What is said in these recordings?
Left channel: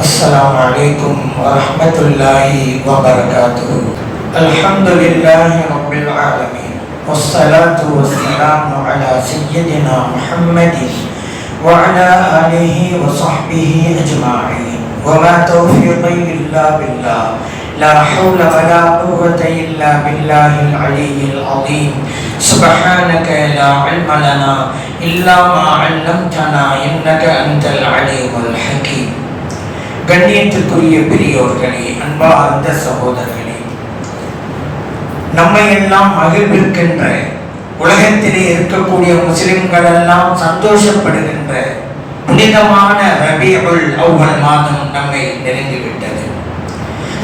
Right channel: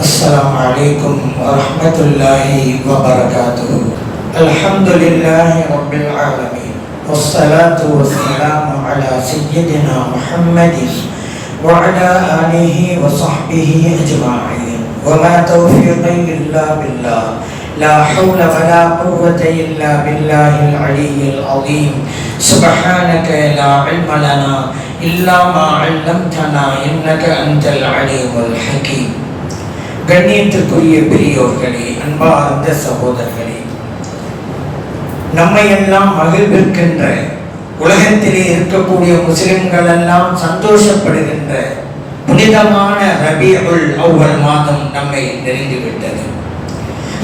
السلام عليكم ورحمة الله وبركاته. الحمد لله رب العالمين والصلاة والسلام على سيدنا محمد وعلى آله وصحبه أجمعين وما توفيقي إلا بالله لا حول ولا قوة إلا بالله العلي العظيم. سبحانك لا علم لنا إلا ما علمتنا إنك أنت العليم الحكيم. கண்ணியத்திற்குரிய பெரியோர்களே, அன்பார்ந்த சகோதரர்களே, நம்மை எல்லாம் மகிழ்விக்கின்ற, உலகத்திலே இருக்கக்கூடிய முஸ்லிம்கள் எல்லாம் சந்தோஷப்படுகின்ற புனிதமான ரபீஉல் அவ்வல் மாதம் நம்மை நெருங்கிவிட்டது.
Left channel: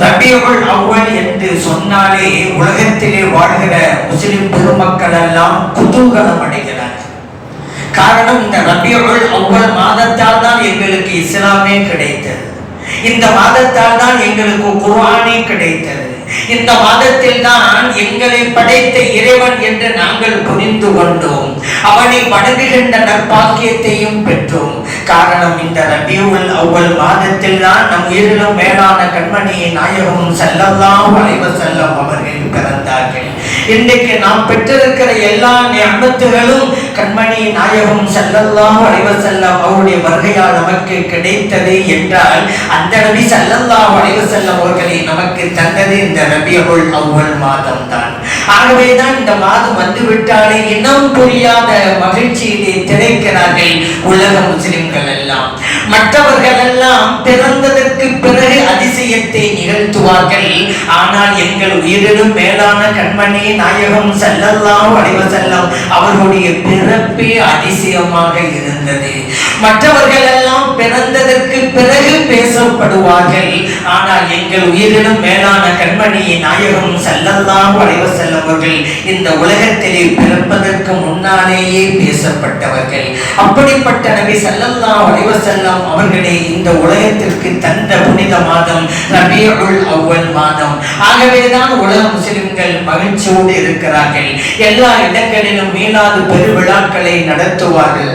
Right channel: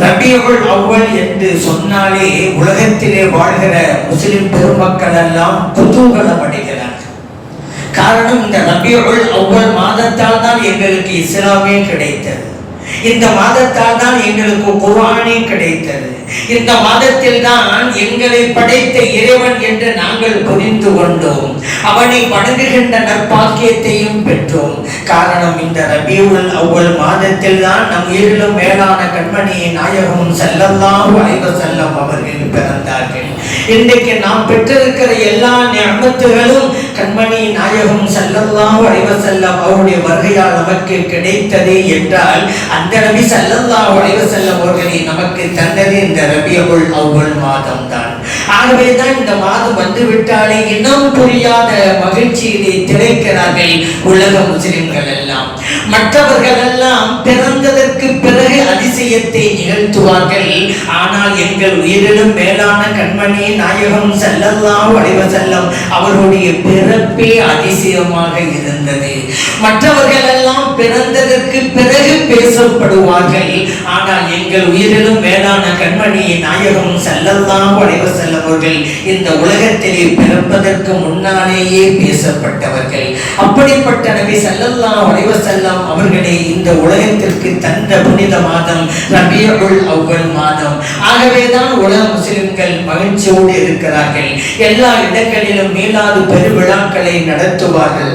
ரபீஉல் அவ்வல் என்று சொன்னாலே உலகத்திலே வாழ்கிற முஸ்லிம் பெருமக்கள் எல்லாம் குதூகலம் அடைகிறார்கள். காரணம், இந்த ரபீஉல் அவ்வல் மாதத்தால் தான் எங்களுக்கு இஸ்லாமே கிடைத்தது. இந்த மாதத்தால் தான் எங்களுக்கு குர்ஆனே கிடைத்தது. இந்த மாதத்தில் தான் எங்களை படைத்த இறைவன் என்று நாங்கள் புரிந்து கொண்டோம். அவனை வணங்குகின்ற நற்பாக்கியத்தையும் பெற்றோம். காரணம், இந்த ரபீஉல் அவ்வல் மாதத்தில் தான் நம் உயிரிலும் மேலான கண்மணியை நாயகம் ஸல்லல்லாஹு அலைஹி வஸல்லம் அவர்கள் பிறந்தார்கள். இன்றைக்கு நாம் பெற்றிருக்கிற எல்லா நிஅமத்துகளும் கண்மணி நாயகம் ஸல்லல்லாஹு அலைஹி வஸல்லம் அவருடைய வருகையால் நமக்கு கிடைத்தது என்றால், அந்த நபி ஸல்லல்லாஹு அலைஹி வஸல்லம் அவர்களை நமக்கு தந்தது இந்த ரபீஉல் அவ்வல் மாதம் தான். ஆகவேதான் இந்த மாதம் வந்துவிட்டாலே இனம் புரியாத மகிழ்ச்சியிலே திளைக்கிறார்கள் உலக முஸ்லிம்கள் எல்லாம். மற்றவர்கள் எல்லாம் பிறந்ததற்கு பிறகு அதிசயத்தை நிகழ்த்துவார்கள். ஆனால் எங்கள் உயிரிலும் மேலான கண்மணி நாயகம் ஸல்லல்லாஹு அலைஹி வஸல்லம் அவர்களுடைய பிறப்பே அதிசயமாக இருந்தது. மற்றவர்கள் எல்லாம் பிறந்ததற்கு பிறகு பேசப்படுவார்கள். ஆனால் எங்கள் உயிரிலும் மேலான கண்மணி நாயகம் ஸல்லல்லாஹு அலைஹி வஸல்லம் அவர்கள் இந்த உலகத்திலே பிறப்பதற்கு முன்னாலேயே பேசப்பட்டவர்கள். அப்படிப்பட்ட நபி ஸல்லல்லாஹு அலைஹி வஸல்லம் அவர்களே இந்த உலகத்திற்கு தந்த புனித மாதம் ரபீஉல் அவ்வல் மாதம். ஆகவேதான் உலக முஸ்லிம்கள் மகிழ்ச்சியோடு இருக்கிறார்கள். எல்லா இடங்களிலும் மீலாது பெருவிழாக்களை நடத்துவார்கள்,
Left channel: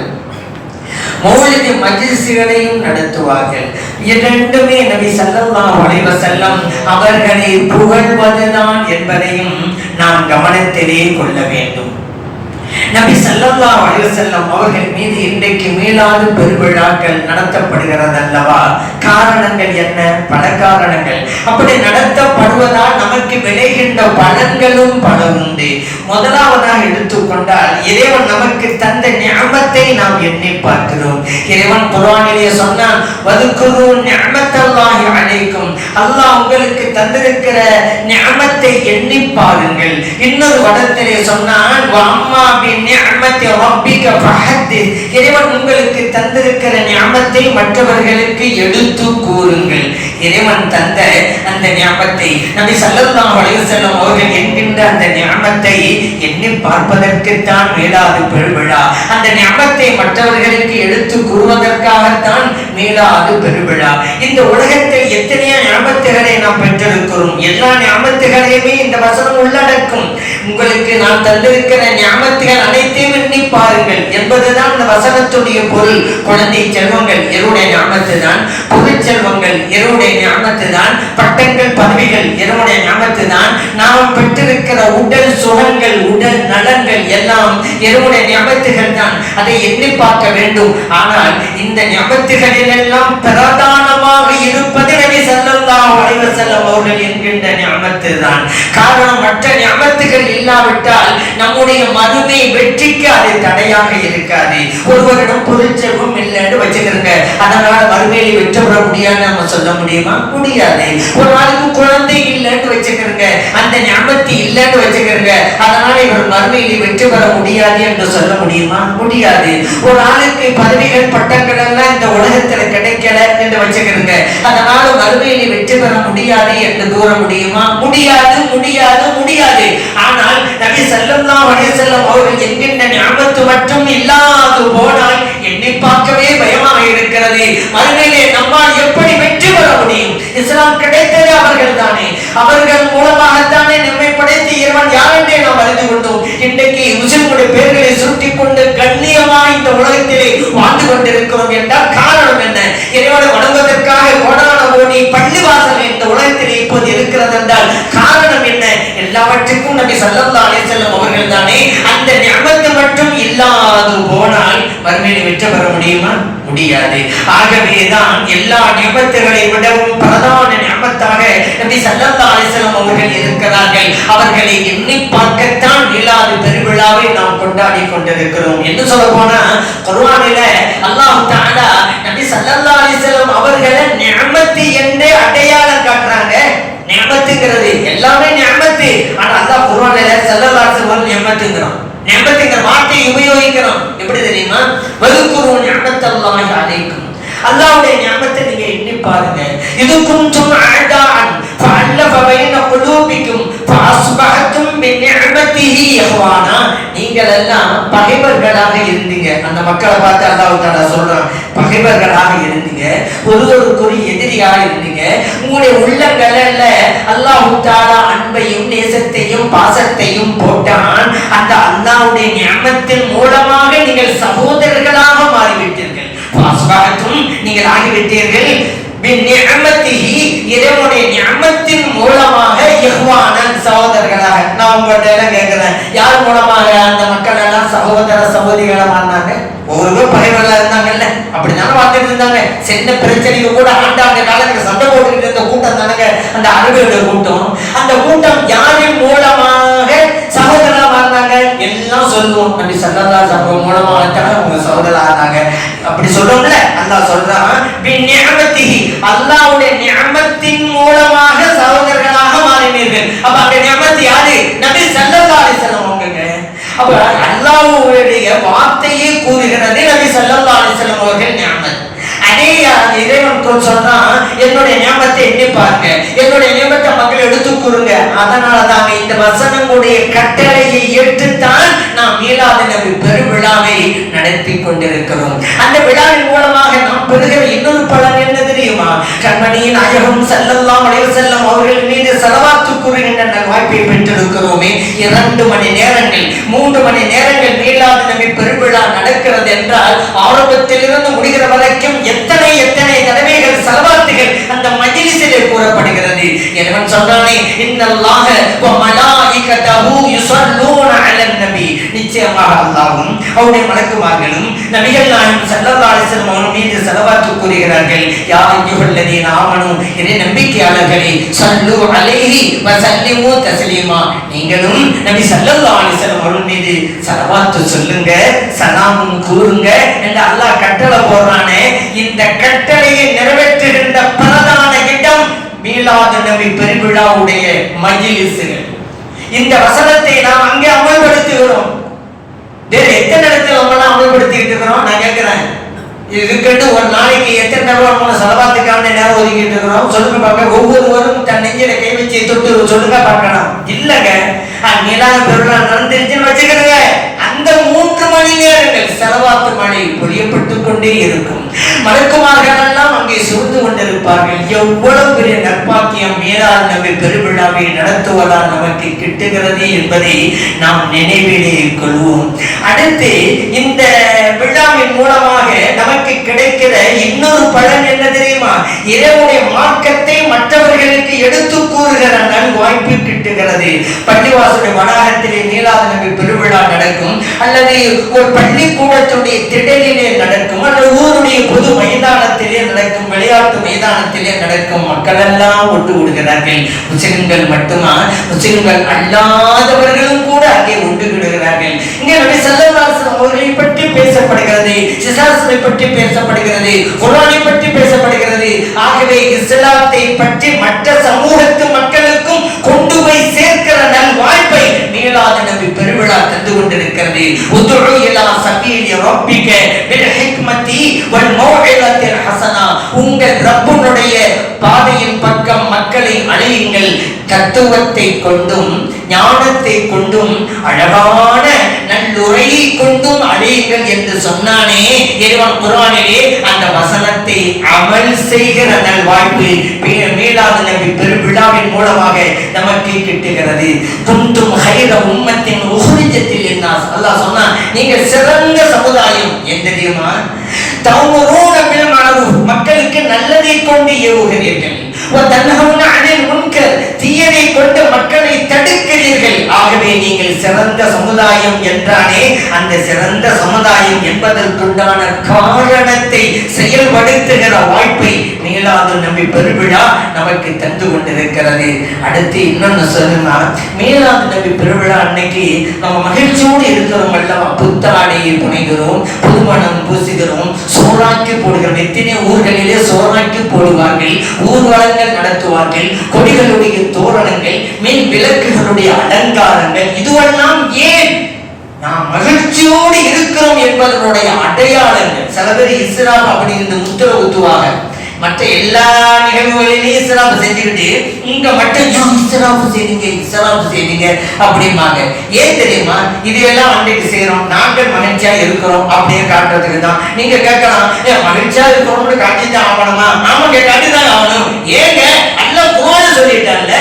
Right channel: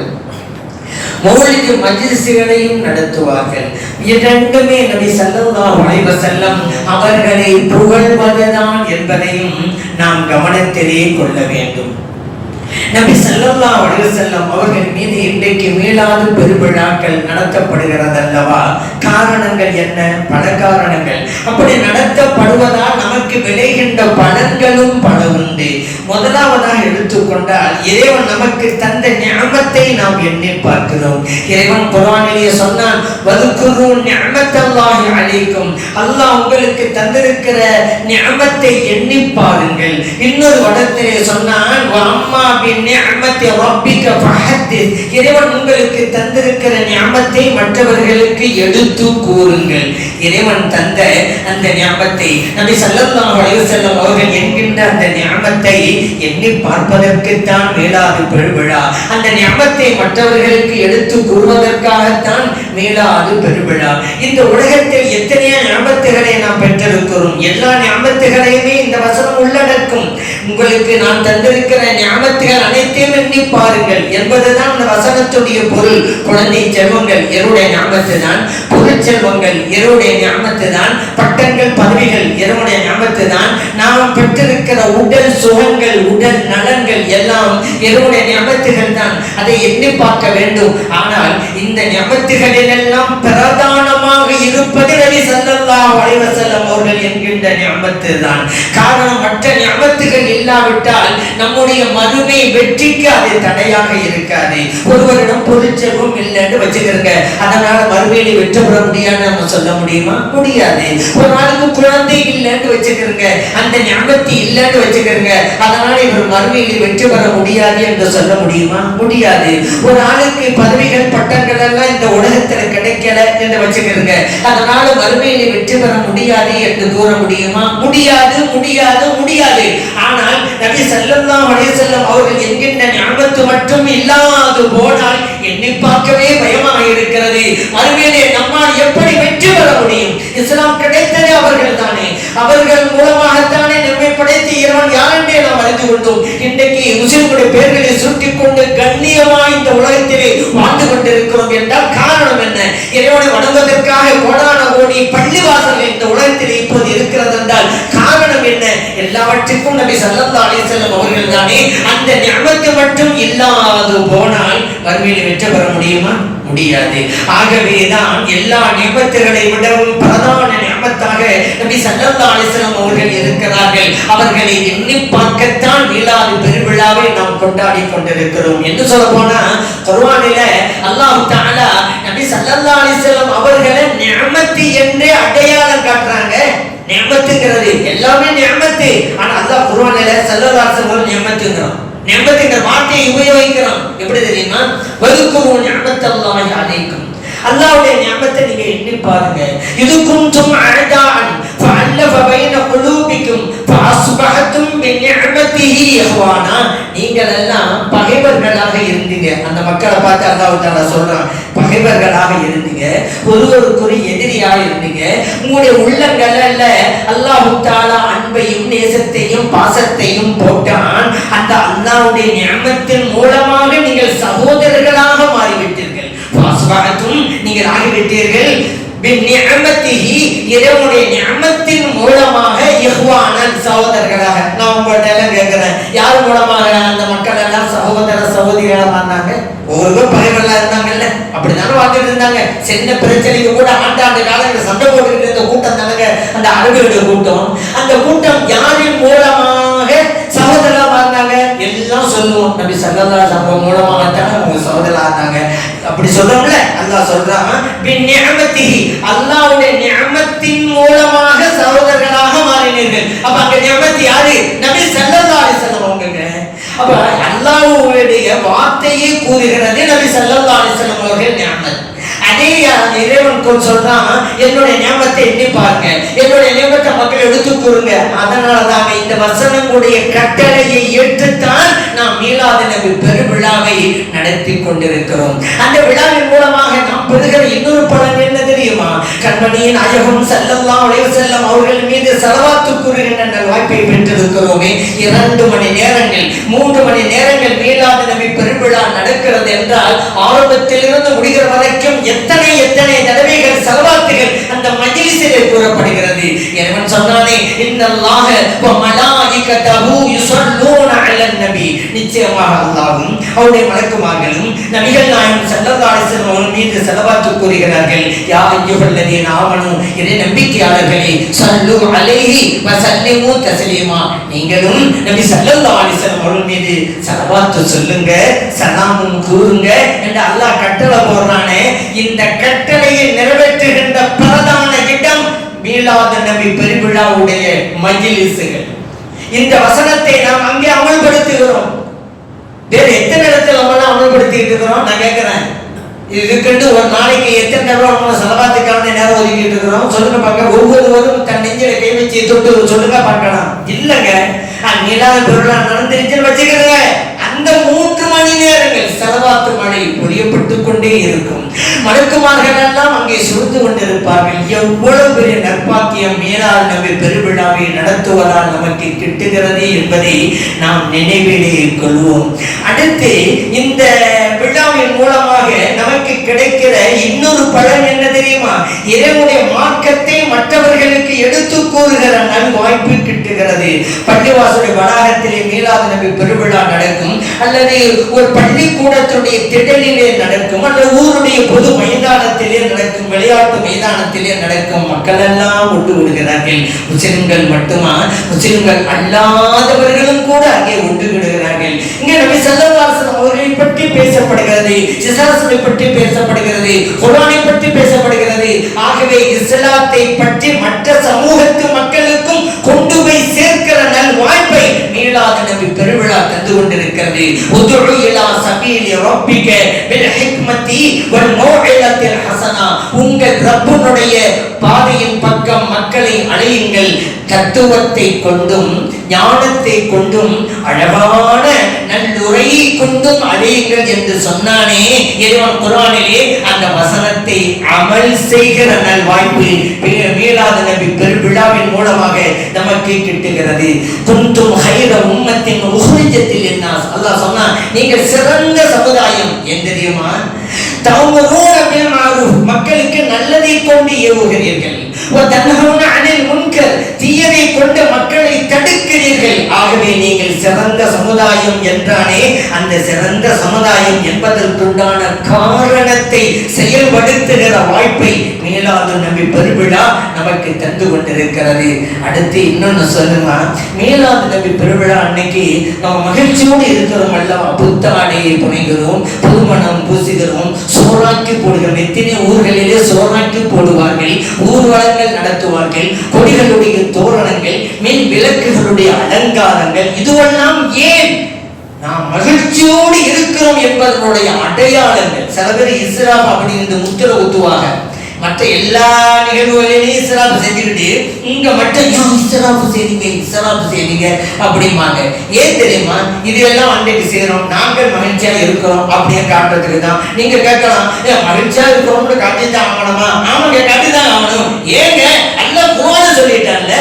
மௌலிது மஜ்லிஸ்களையும் நடத்துவார்கள். இரண்டுமே நபி ஸல்லல்லாஹு அலைஹி வஸல்லம் அவர்களை புகழ்வதுதான் என்பதையும் நாம் கவனத்திலே கொள்ள வேண்டும். நபி ஸல்லல்லாஹு அலைஹி வஸல்லம் அவர்கள் மீது இன்றைக்கு மீலாது பெருவிழாக்கள் நடத்தப்படுகிறது அல்லவா? காரணங்கள் என்ன? பல காரணங்கள். அப்படி நடத்தப்படுவதால் நமக்கு விளைகின்ற பலன்களும் பல உண்டு. முதலாவதாக எடுத்துக்கொண்டால், இறைவன் நமக்கு தந்த நிஅமத்தை நாம் எண்ணி பார்க்கிறோம். இறைவன் குர்ஆனிலே சொன்னான், வதுகுரு நிஅமத்தல்லாஹி அலைக்கும், அல்லாஹ் உங்களுக்கு தந்திருக்கிற நிஅமத்தை எண்ணி பாருங்கள். இன்னொரு இடத்திலே சொன்னான், வஅம்மா பிநிஅமத்தி ரப்பிக ஃபஹத்திஸ், இறைவன் உங்களுக்கு தந்திருக்கிற நிஅமத்தை மற்றவர்களுக்கு எடுத்து கூறுங்கள். இறைவன் தந்த அந்த நிஅமத்தை நபி ஸல்லல்லாஹு அலைஹி வஸல்லம் அவர்கள் என்கின்ற அந்த நிஅமத்தை எண்ணி பார்ப்பதற்கு தான் மீலாது பெருவிழா. அந்த நிஅமத்தை மற்றவர்களுக்கு எடுத்து கூறுவதற்காகத்தான் மீலாது பெருவிழா. இந்த உலகத்தில் எத்தனையோ நிஅமத்துகளை நாம் பெற்றிருக்கிறோம். எல்லா நிஅமத்துகளையுமே இந்த வசனம் உள்ளடக்கும். உங்களுக்கு நான் தந்திருக்கிற நிஅமத்துகள் அனைத்தையும் எண்ணி பாருங்கள் என்பதுதான் இந்த வசனத்துடைய பொருள். குழந்தை செல்வங்கள் எருடைய நிஅமத்து தான், பொருள் செல்வங்கள் எருடைய நிஅமத்து தான், பட்டங்கள் பதவிகள் எருடைய நிஅமத்து தான், நாம் பெற்றிருக்கிற உடல் சுகங்கள் உடல் நலன்கள் எல்லாம் எருடைய நிஅமத்துகள் தான். அதை எண்ணி பார்க்க வேண்டும். ஆனால் இந்த நிஅமத்துகளில் எல்லாம் பிரதானமாக இருப்பது நபி ஸல்லல்லாஹு அலைஹி வஸல்லம் அவர்கள் என்கின்ற நிஅமத்து தான். காரணம், மற்ற நிஅமத்துகள் இல்லாவிட்டால் நம்முடைய மறுமை வெற்றிக்கு அது தடையாக இருக்காது. ஒருவரிடம் பொருள் செல்வம் இல்லைன்னு வச்சுக்கிறங்க, அதனால மறுமையில வெற்றி பெற முடியாது நம்ம சொல்ல முடியுமா? முடியாது. ஒரு ஆளுக்கு குழந்தை இல்லைன்னு வச்சுக்கிறங்க, அந்த நிஅமத்து இல்லைன்னு வச்சுக்கிறங்க, அதனால இவர் மறுமையில வெற்றி பெற முடியாது என்று சொல்ல முடியுமா? முடியாது. ஒரு ஆளுக்கு பதவிகள் பட்டங்கள் எல்லாம் இந்த உலகத்துல கிடைக்கல என்று வச்சுக்கிறங்க, அதனால மறுமையில வெற்றி பெற முடியாது என்று கூற முடியுமா? முடியாது, முடியாது, முடியாது. ஆனால் நபி ஸல்லல்லாஹு அலைஹி வஸல்லம் அவர்கள் என்கின்ற நிஅமத்து மட்டும் இல்லாது போனால் எண்ணி பார்க்கவே பயமாக இருக்கிறது. மறுமையிலே நம்மால் எப்படி வெற்றி பெற முடியும்? இஸ்லாம் கிடைத்தது அவர்கள் தானே, அவர்கள் மூலமாகத்தானே நம்மை படைத்த இறைவன் யார் என்றே நாம் அறிந்து கொண்டோம். இன்றைக்கு முஸ்லிம்களுடைய பெயர்களை சுட்டிக் கொண்டு கண்ணியமாய் இந்த உலகத்திலே வாழ்ந்து கொண்டிருக்கிறோம் என்றால் காரணம் என்ன? இறைவனை வணங்குவதற்காக கோடான வெற்றி பெற முடியுமா? முடியாது. ஆகவேதான் எல்லா நியமத்துகளை விடவும் பிரதான நியமத்தாக நபி ஸல்லல்லாஹு அலைஹி வஸல்லம் அவர்கள் இருக்கிறார்கள். அவர்களை எண்ணி பார்க்கத்தான் மீலாது பெருவிழாவை நாம் கொண்டாடி கொண்டிருக்கிறோம். என்று சொல்ல போனா குர்ஆனில அல்லாஹ் தஆலா நபி ஸல்லல்லாஹு அலைஹி வஸல்லம் அவர்களை நியமத்து என்று அடையாளம் காட்டுறாங்க. நியமத்துங்கிறது எல்லாமே நியமத்து. ஆனா அல்லாஹ் குர்ஆனில ஸல்லல்லாஹு அலைஹி வஸல்லம் நியமத்துங்கிறான். நியமத்துங்கிற வார்த்தையை உபயோகிக்கிறோம். எப்படி தெரியுமா? வதுகுரு நியமத்தல்லாஹி அலைக்கும். அல்லாஹ்வுடைய நியமத்தை நீங்க எண்ணி பாருங்க. இது குன்தும் அஅதான் ஃபஅல்லஃப பைன குலூபிக்கும் ஃபஅஸ்பஹதும் பிநிஅமதிஹி இஹ்வானா. நீங்கள் எல்லாம் பகைவர்களாக இருந்தீங்க. அந்த மக்களை பார்த்து அல்லாஹ் தஆலா சொல்றான், பகைவர்களாக இருந்தீங்க, ஒருவருக்கொரு எதிரியாக இருந்தீங்க. உங்களுடைய உள்ளங்கள்ல அல்லாஹ் தஆலா அன்பையும் நேசத்தையும் பாசத்தையும் போட்டான். அந்த அல்லாஹ்வுடைய நியமத்தின் மூலமாக நீங்கள் சகோதரர்களாக மாறிவிட்டீர்கள். நீங்கள் ஆகிவிட்டீர்கள். இறைவனுடைய நியமத்தின் மூலமாக இஹ்வானன் சகோதரர்களாக. நான் உங்கள்கிட்ட கேட்கிறேன், யார் மூலமாக அந்த மக்கள் எல்லாம் சகோதர சகோதரிகளாக இருந்தாங்க? ஒவ்வொருவரும் பகைவர்களா இருந்தாங்க இல்ல? அப்படித்தானே வாழ்ந்துட்டு இருந்தாங்க. சின்ன பிரச்சனைக்கு கூட ஆண்டாண்டு காலங்கள் சண்டை போட்டுக்கிட்டு இருந்த கூட்டம் தானங்க அந்த அரபியுடைய கூட்டம். அந்த கூட்டம் யாரின் மூலமாக சகோதரர்களா இருந்தாங்க? எல்லாம் சொல்லுவோம், நபி ஸல்லல்லாஹு அலைஹி வஸல்லம் மூலமாக தான் அவங்க சகோதரா இருந்தாங்க. அப்படி சொல்றோம்ல, அல்லாஹ் சொல்றான் பிநிஅமதிஹி, அல்லாஹ்வுடைய நியமத்தின் மூலமாக சகோதரர்களாக மாறினீர்கள். அப்ப அந்த நியமத் யாரு? நபி ஸல்லல்லாஹு அலைஹி வஸல்லம் அவங்கங்க. அப்ப அல்லாஹ்வுடைய வார்த்தையை கூறுகிறது நபி ஸல்லல்லாஹு அலைஹி வஸல்லம் அவர்கள் நியமத். அதே இறைவன் சொல்றான், என்னுடைய நியமத்தை எண்ணி பாருங்க, என்னுடைய நியமத்தை மக்கள் எடுத்து கூறுங்க. அதனாலதான் இந்த வசனங்களுடைய கட்டளையை ஏற்றுத்தான் நாம் மீலாது நபி பெருவிழாவை நடத்தி கொண்டிருக்கிறோம். அந்த விழாவின் மூலமாக நாம் பெறுகிற இன்னொரு பலன் என்ன தெரியுமா? கண்மணியின் நாயகம் ஸல்லல்லாஹு அலைஹி வஸல்லம் அவர்கள் மீது ஸலவாத்து கூறுகின்ற வாய்ப்பை பெற்றிருக்கிறோமே. 2 மணி நேரங்கள் 3 மணி நேரங்கள் மீலாது நபி பெருவிழா நடக்கிறது என்றால் ஆரம்பத்திலிருந்து முடிகிற வரைக்கும் எத்தனை எத்தனை தடவைகள் ஸலவாத்துகள் அந்த மஜ்லிஸிலே கூறப்படுகிறது. இறைவன் சொன்னானே, இன்னல்லாஹ வ மலாயிகதஹு யுஸல்லூன அலன் நபி. நிச்சயமாக அல்லாஹ்வும் அவருடைய மலக்குமார்களும் நபிகள் நாயகம் ஸல்லல்லாஹு அலைஹி வஸல்லம் அவர்கள் மீது ஸலவாத்து கூறுகிறார்கள். யா அய்யுஹல்லதீன ஆமனூ, இறை நம்பிக்கையாளர்களே, ஸல்லு அலைஹி வ ஸல்லிமு தஸ்லீமா. நீங்களும் நபி ஸல்லல்லாஹு அலைஹி வஸல்லம் அவர்கள் மீது ஸலவாத்து சொல்லுங்க, சலாமும் கூறுங்க என்று அல்லாஹ் கட்டளை போடுறானே. இந்த கட்டளையை நிறைவேற்றுகின்ற பிரதான இடம் மீலாது நபி பெருவிழாவுடைய மஜ்லிஸ்கள். இந்த வசனத்தை நாம் அங்கே அமல்படுத்துகிறோம். வேற எத்தனை இடத்துல நம்ம அமல்படுத்திட்டு இருக்கிறோம்? நான் கேட்கிறேன், இதுக்கிட்டு ஒரு நாளைக்கு எத்தனை தடவை நம்ம ஸலவாத்துக்கான நேரம் ஒதுக்கிட்டு இருக்கிறோம்? சொல்லுங்க பார்க்க. ஒவ்வொருவரும் தன் நெஞ்சில கை வச்சு தொட்டு சொல்லுங்க பார்க்கலாம். இல்லங்க, மீலாது பெருவிழா நடந்துருச்சுன்னு வச்சுக்கிறீங்க, அந்த 3 மணி நேரங்கள் ஸலவாத்து மழை பொழியப்பட்டுக் கொண்டே இருக்கும். மலக்குமார்கள் எல்லாம் அங்கே சுருந்து கொண்டிருப்பார்கள். எவ்வளவு பெரிய நற்பாக்கியம் மீலாது நபி பெருவிழாவை நடத்துவதால் நமக்கு கிட்டுகிறது என்பதை நாம் நினைவிலே கொள்வோம். அடுத்து இந்த விழாவின் மூலமாக நமக்கு கிடைக்கிற இன்னொரு பலன் என்ன தெரியுமா? இறைவனுடைய மார்க்கத்தை மற்றவர்களுக்கு எடுத்து கூறுகிற நல் வாய்ப்பு கிட்டுகிறது. பள்ளிவாசலுடைய வளாகத்திலே மீலாது நபி பெருவிழா நடக்கும், அல்லது ஒரு பள்ளிக்கூடத்துடைய திடலிலே நடக்கும், அல்லது ஊருடைய பொது மைதானத்திலே நடக்கும், விளையாட்டு மைதானத்திலே நடக்கும். மக்கள் எல்லாம் ஒட்டு விடுகிறார்கள். முஸ்லிம்கள் மட்டுமா? முஸ்லிம்கள் அல்லாதவர்களும் கூட அங்கே ஒட்டு விடுகிறார்கள். இங்கே நபி ஸல்லல்லாஹு அலைஹி வஸல்லம் அவர்களை பற்றி பேசப்படுகிறது, இஸ்லாத்தை பற்றி பேசப்படுகிறது, குர்ஆனை பற்றி பேசப்படுகிறது. ஆகவே இஸ்லாத்தை பற்றி மற்ற சமூகத்து மக்களுக்கும் கொண்டு போய் சேர்க்கிற நல் வாய்ப்பை மீலாது நபி பெருவிழா தந்து கொண்டிருக்கிறது. உதுஉ இலா சபீலி ரப்பிக பில் ஹிக்மதி வல் மௌஇலத்தில் ஹஸனா. உங்கள் ரப்புடைய பாதையின் பக்கம் மக்களை அழையுங்கள், தத்துவத்தை கொண்டும் ஞானத்தை கொண்டும் அழகான நல்லுரையை கொண்டும் அழையுங்கள் என்று சொன்னானே இறைவன் குர்ஆனிலே. அந்த வசனத்தை அமல் செய்கிற நல் வாய்ப்பு மீலாது நபி பெருவிழாவின் மூலமாக நமக்கு கிட்டுகிறது. குன்தும் ஹைர உம்மத்தின் உஹ்ரிஜத்தில் லின்னாஸ். அல்லாஹ் சொன்னான், நீங்கள் சிறந்த சமுதாயம். என்ன தெரியுமா? தஅமுரூன பில் மஅரூஃப், மக்களுக்கு நல்லதை கொண்டு ஏவுகிறீர்கள். வதன்ஹவுன அனில் முன்கர், தீயதை கொண்டு மக்களை தடுக்கிறீர்கள். ஆகவே நீங்கள் சிறந்த சமுதாயம் என்றானே, அந்த சிறந்த சமுதாயம் என்பதற்குண்டான காரணத்தை செயல்படுத்துகிற வாய்ப்பை மீலாது நபி பெருவிழா நமக்கு தந்து கொண்டிருக்கிறது. அடுத்து இன்னொன்னு சொல்லுங்க, மீலாது நபி பெருவிழா அன்னைக்கு நம்ம மகிழ்ச்சியோடு இருக்கிறோம் அல்லவா, புத்தாடையை புனைகிறோம், புதுமணம் பூசுகிறோம், சோறாக்கி போடுகிறோம். எத்தனை ஊர்களிலே சோறாக்கி போடுவார்கள், ஊர்வலங்கள் நடத்துவார்கள், கொடிகளுடைய தோரணங்கள், மின் விளக்குகளுடைய அலங்காரங்கள். இதுவெல்லாம் ஏன்? நாம் மகிழ்ச்சியோடு இருக்கிறோம் என்பதனுடைய அடையாளங்கள். சில பேர் இஸ்ராப் அப்படின்னு முத்திர ஊத்துவாங்க. மற்ற எல்லா நிகழ்வுகளிலேயும் இஸ்ராப் செஞ்சுக்கிட்டு இங்க மட்டும் இஸ்ராப் செய்யுங்க அப்படிம்பாங்க. ஏன் தெரியுமா? இது எல்லாம் அன்றைக்கு செய்யறோம், நாங்கள் மகிழ்ச்சியா இருக்கிறோம் அப்படின்னு காட்டுறதுக்கு தான். நீங்க கேட்கலாம், மகிழ்ச்சியா இருக்கிறோம்னு காட்டிதான் ஆகணுமா? ஆமாங்க, காட்டிதான் ஆகணும். ஏங்க சொல்லிட்டாங்க,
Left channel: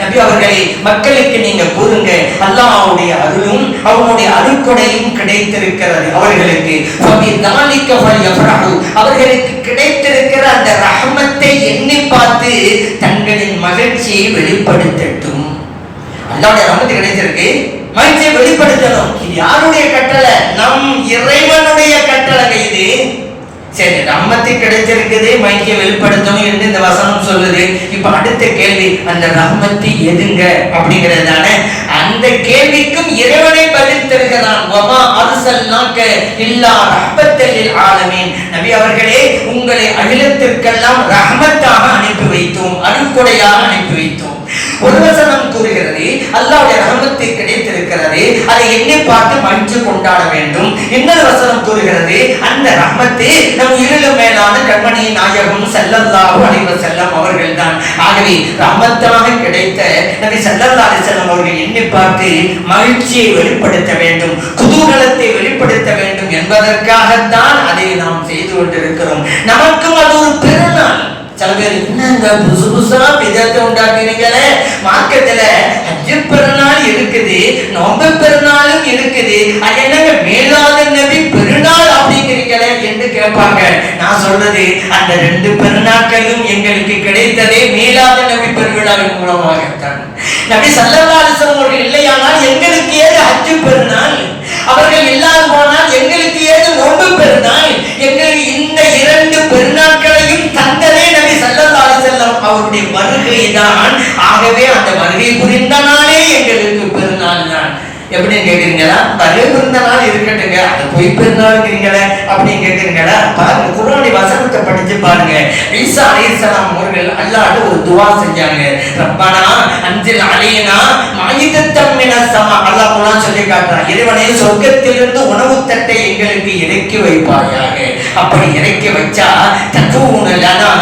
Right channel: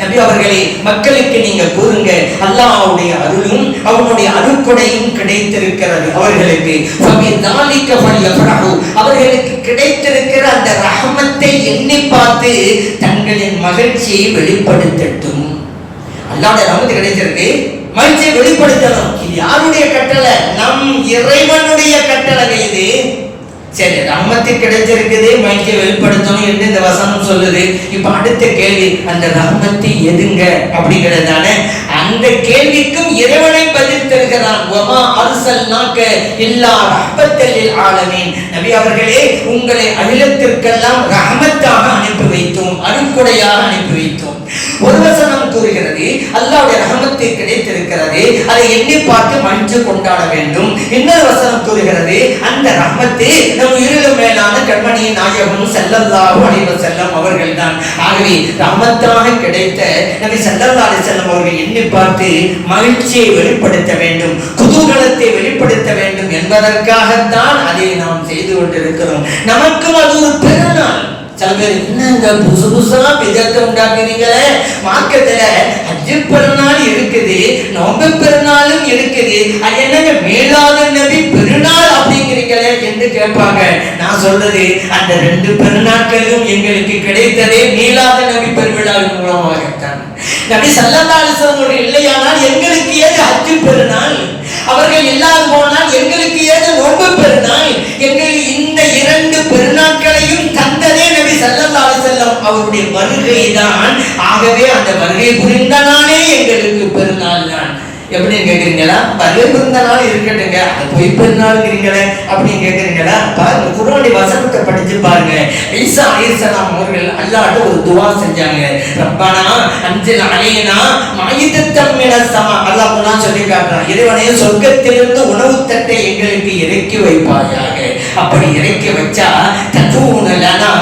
நபி அவர்களே, மக்களுக்கு நீங்க கூறுங்க, அல்லாஹ்வுடைய அருளும் அவனுடைய அருட்கொடையும் கிடைத்திருக்கிறது அவர்களுக்கு. அவர்களுக்கு கிடைத்திருக்கிற அந்த ரஹ்மத்தை எண்ணி பார்த்து தங்களின் மகிழ்ச்சியை வெளிப்படுத்தட்டும். அல்லாஹ்வுடைய ரஹ்மத் கிடைத்திருக்கு, மகிழ்ச்சியை வெளிப்படுத்தணும். இது யாருடைய கட்டளை? நம் இறைவனுடைய கட்டளை. இது சரி, ரஹ்மத்து கிடைச்சிருக்குது, மகிழ்ச்சியை வெளிப்படுத்தணும் என்று இந்த வசனம் சொல்லுது. இப்ப அடுத்த கேள்வி, அந்த ரஹ்மத்து எதுங்க அப்படிங்கிறதான அந்த கேள்விக்கும் இறைவனை பதில் தருகிறான். வமா அர்சல்னாக இல்லா ரஹ்மத்தல் லில் ஆலமீன். நபி அவர்களே, உங்களை அகிலத்திற்கெல்லாம் ரஹ்மத்தாக அனுப்பி வைத்தோம், அருட்கொடையாக அனுப்பி வைத்தோம். ஒரு வசனம் கூறுகிறது, அல்லாஹ்வுடைய ரஹ்மத்து கிடைத்திருக்கிறது, அதை எண்ணி பார்த்து மகிழ்ச்சி கொண்டாட வேண்டும். இன்னொரு வசனம் கூறுகிறது, அந்த ரஹ்மத்து நம் உயிரிலும் மேலான கண்மணி நாயகம் ஸல்லல்லாஹு அலைஹி வஸல்லம் அவர்கள் தான். ஆகவே ரஹ்மத்தாக கிடைத்த நபி ஸல்லல்லாஹு அலைஹி வஸல்லம் அவர்கள் எண்ணி பார்த்து மகிழ்ச்சியை வெளிப்படுத்த வேண்டும், குதூகலத்தை வெளிப்படுத்த வேண்டும் என்பதற்காகத்தான் அதை நாம் செய்து கொண்டிருக்கிறோம். நமக்கும் அது ஒரு பெருநாள். சில பேர் என்னங்க புதுசு புதுசா விதத்தை உண்டாக்குறீங்களே, மார்க்கத்துல ஹஜ் பெருநாள் இருக்குது, நோன்பு பெருநாளும் இருக்குது, அது என்னங்க மீலாது நபி பெருநாள் அப்படிங்கிறீங்களே என்று கேட்பாங்க. நான் சொல்றது, அந்த ரெண்டு பெருநாட்களும் எங்களுக்கு கிடைத்ததே மீலாது நபி பெருவிழாவின் மூலமாகத்தான். நபி ஸல்லல்லாஹு அலைஹி வஸல்லம் அவர்கள் இல்லையானால் எங்களுக்கு ஏது ஹஜ் பெருநாள்? அவர்கள் இல்லாது போனால் எங்களுக்கு ஏது நோன்பு பெருநாள்? எங்களுக்கு இந்த இரண்டு பெருநாட்களையும் தந்ததே நபி ஸல்லல்லாஹு அலைஹி வஸல்லம் அவருடைய வருகை தான். ஆகவே அந்த வருகை புரிந்த நாளே எங்களுக்கு பெருநாள் தான். எப்படின்னு கேக்குறீங்களா? வருகை புரிந்த நாள் இருக்கட்டுங்க, அது போய் பெருநாளுங்கிறீங்களே அப்படின்னு கேக்குறீங்களா? பாருங்க, குர்ஆனுடைய வசனத்தை படிச்சு பாருங்க. ஈசா அலைஹிஸ்ஸலாம் அவர்கள் அல்லாஹ்ட்ட ஒரு துஆ செஞ்சாங்க. ரப்பனா அன்சில் அலைனா மாயிதத்தம் மினஸ் ஸமா. அல்லாஹ் குர்ஆன் சொல்லி காட்டுறான், இறைவனே சொர்க்கத்திலிருந்து உணவு தட்டை எங்களுக்கு இறக்கி வைப்பாயாக. அப்படி இறக்கி வச்சா ததூன லனா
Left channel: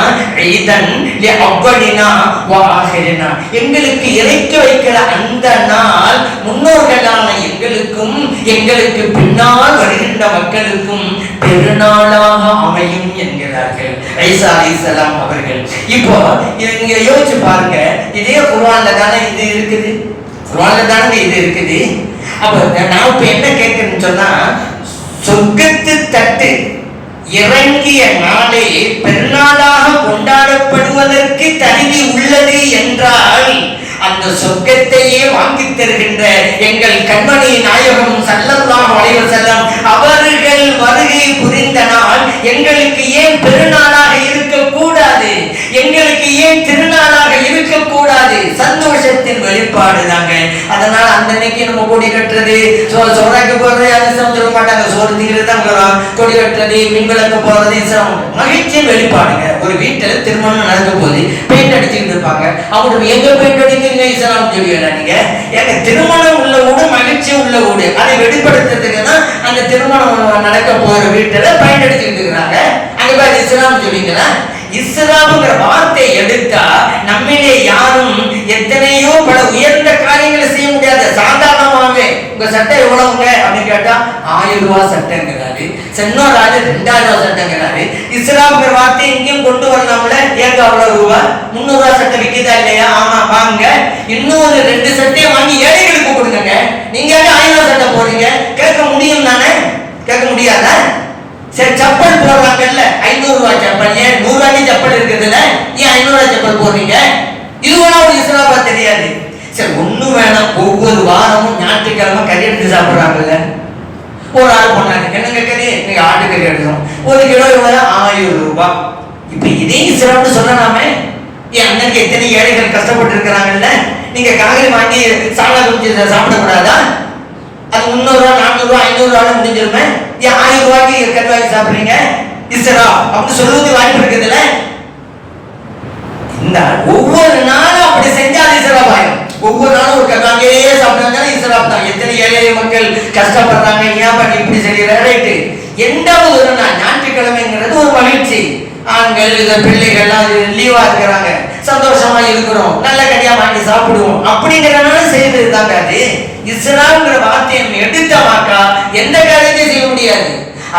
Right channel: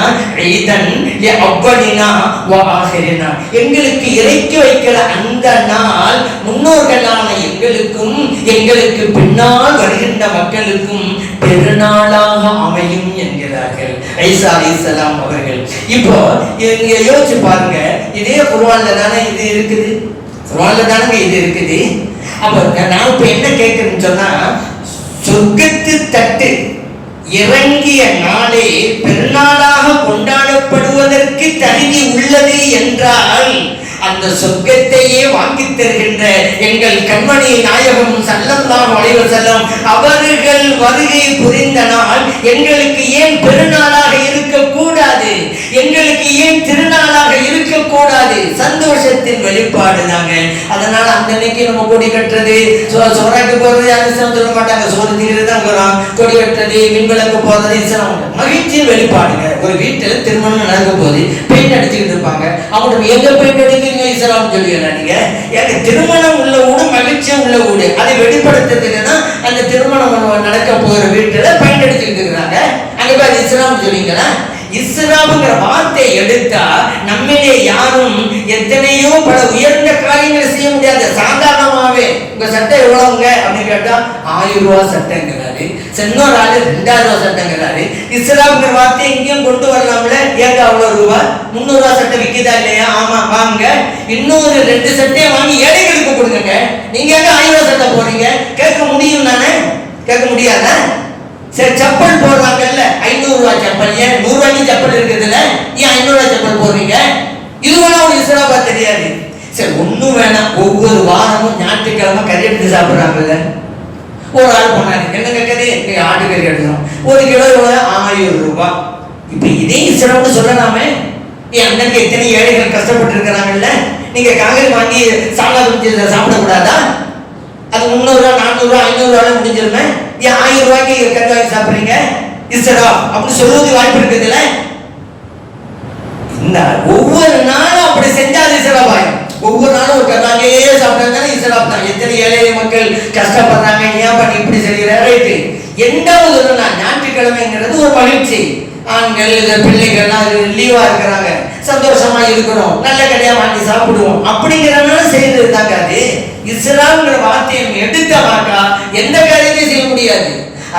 ஈதன் லி அவ்வலினா வ ஆகிரினா. எங்களுக்கு இறக்கி வைக்கிற அந்த நாள் முன்னோர்களான எங்களுக்கும் எங்களுக்கு பின்னால் வருகின்ற மக்களுக்கும் பெருநாளாக அமையும் என்கிறார்கள் ஈசா அலைஹிஸ்ஸலாம் அவர்கள். இப்போ இங்க யோசிச்சு பாருங்க, இதே குர்ஆன்ல தானே இது இருக்குது, குர்ஆன்ல தானே இது இருக்குது. அப்ப நான் இப்ப என்ன கேட்கிறேன்னு சொன்னா, சொர்க்கத்து தட்டு இறங்கிய நாளே பெருநாளாக கொண்டாடப்படுவதற்கு தகுதி உள்ளது என்றால், அந்த சொர்க்கத்தையே வாங்கி தருகின்ற எங்கள் கண்மணி நாயகம் ஸல்லல்லாஹு அலைஹி வஸல்லம் அவர்கள் வருகை புரிந்த நாள் எங்களுக்கு ஏன் பெருநாளாக இருக்கக்கூடாது? எங்களுக்கு ஏன் திருநாளாக இருக்கக்கூடாது? சந்தோஷத்தின் வெளிப்பாடு தாங்க. அதனால அந்த அன்னைக்கு நம்ம கொடி கட்டுறது, சோறாக்கு போறது யாரும் சொல்ல மாட்டாங்க, சோறு தீர்றது தான் கொடி கட்டுறது, மின்விளக்கு போறது இஸ்லாம் மகிழ்ச்சியின் வெளிப்பாடுங்க. ஒரு வீட்டுல திருமணம் நடக்க போது பெயிண்ட் அடிச்சுக்கிட்டு இருப்பாங்க, அவங்க எங்க பெயிண்ட் அடிக்கிறீங்க இஸ்லாம் சொல்லுவீங்க. நீங்க எனக்கு திருமணம் உள்ள வீடு, மகிழ்ச்சி உள்ள வீடு, அதை வெளிப்படுத்துறதுக்கு தான் அந்த திருமணம் நடக்க போற வீட்டுல பெயிண்ட் அடிச்சுக்கிட்டு இருக்கிறாங்க. அங்க போய் இஸ்லாம் சொல்லுவீங்களா? இஸ்லாம்ங்கிற வார்த்தை எடுத்தா நம்மளே யாரும் எத்தனையோ பல உயர்ந்த காரியங்களை செய்ய முடியாது. சாதாரணமாவே உங்க சட்டை எவ்வளவுங்க அப்படின்னு கேட்டா 1000 ரூபாய் சட்டைங்கிறாரு, இன்னொரு ஆளு 2000 ரூபாய் சட்டைங்கிறாரு. இஸ்லாம்ங்கிற வார்த்தை எங்கேயும் கொண்டு வரலாம்ல? ஏங்க அவ்வளவு ரூபாய் 300 ரூபாய் சட்டை விற்கிதா இல்லையா? ஆமா வாங்க, இன்னொரு 2 சட்டையை வாங்கி ஏழைகளுக்கு கொடுங்க. நீங்க 1000 ரூபாய் சட்டை போடுறீங்க, கேட்க முடியும் தானே? கேட்க முடியாத? சரி, செப்பல் போடுறாங்கல்ல, 500 ரூபாய் செப்பல், ஏன் 100 ரூபாய்க்கு செப்பல் இருக்குதுல்ல, ஏன் 500 ரூபாய் செப்பல் போடுறீங்க? இதுவெல்லாம் ஒரு இஸ்லாமா தெரியாது. சரி ஒண்ணும் வேணாம், ஒவ்வொரு வாரமும் ஞாயிற்றுக்கிழமை கறி எடுத்து சாப்பிடுறாங்கல்ல. ஒரு ஆள் போனாரு, என்ன கறி? நீங்க ஆட்டுக்கறி எடுக்கணும், 1 கிலோ 1000 ரூபாய். இப்ப இதே இஸ்லாம்னு சொல்லலாமே. என் அண்ணனுக்கு எத்தனை ஏழைகள் கஷ்டப்பட்டு இருக்கிறாங்கல்ல, நீங்க காய்கறி வாங்கி சாப்பிடக்கூடாதா? அது 300 ரூபாய் 400 ரூபாய் 500 ரூபாய் முடிஞ்சிருமே. ஏன் 1000 ரூபாய்க்கு கறி வாங்கி சாப்பிடுறீங்க? இஸ்லாம் அப்படி சொல்றது வாய்ப்பு இருக்குதுல்ல. இந்த ஒவ்வொரு நாளும் அப்படி செஞ்சால் இஸ்லாம் ஆயிடும். ஒவ்வொரு நாளும் ஒரு கதாகையே சாப்பிட்டாங்க இஸ்லாம் தான். எத்தனை ஏழை மக்கள் கஷ்டப்படுறாங்க, ஏன் பண்ணி இப்படி செய்யற ரைட்டு. எந்த ஒரு நாள் ஞாயிற்றுக்கிழமைங்கிறது ஒரு மகிழ்ச்சி. ஆண்கள் இந்த பிள்ளைகள்லாம் லீவா இருக்கிறாங்க, சந்தோஷமா இருக்கிறோம், நல்ல கடையா வாங்கி சாப்பிடுவோம் அப்படிங்கிறவங்க செய்து இருந்தாங்க. அது இஸ்லாம்ங்கிற வார்த்தையை எடுத்தமாக்கா எந்த காரியத்தையும் செய்ய முடியாது.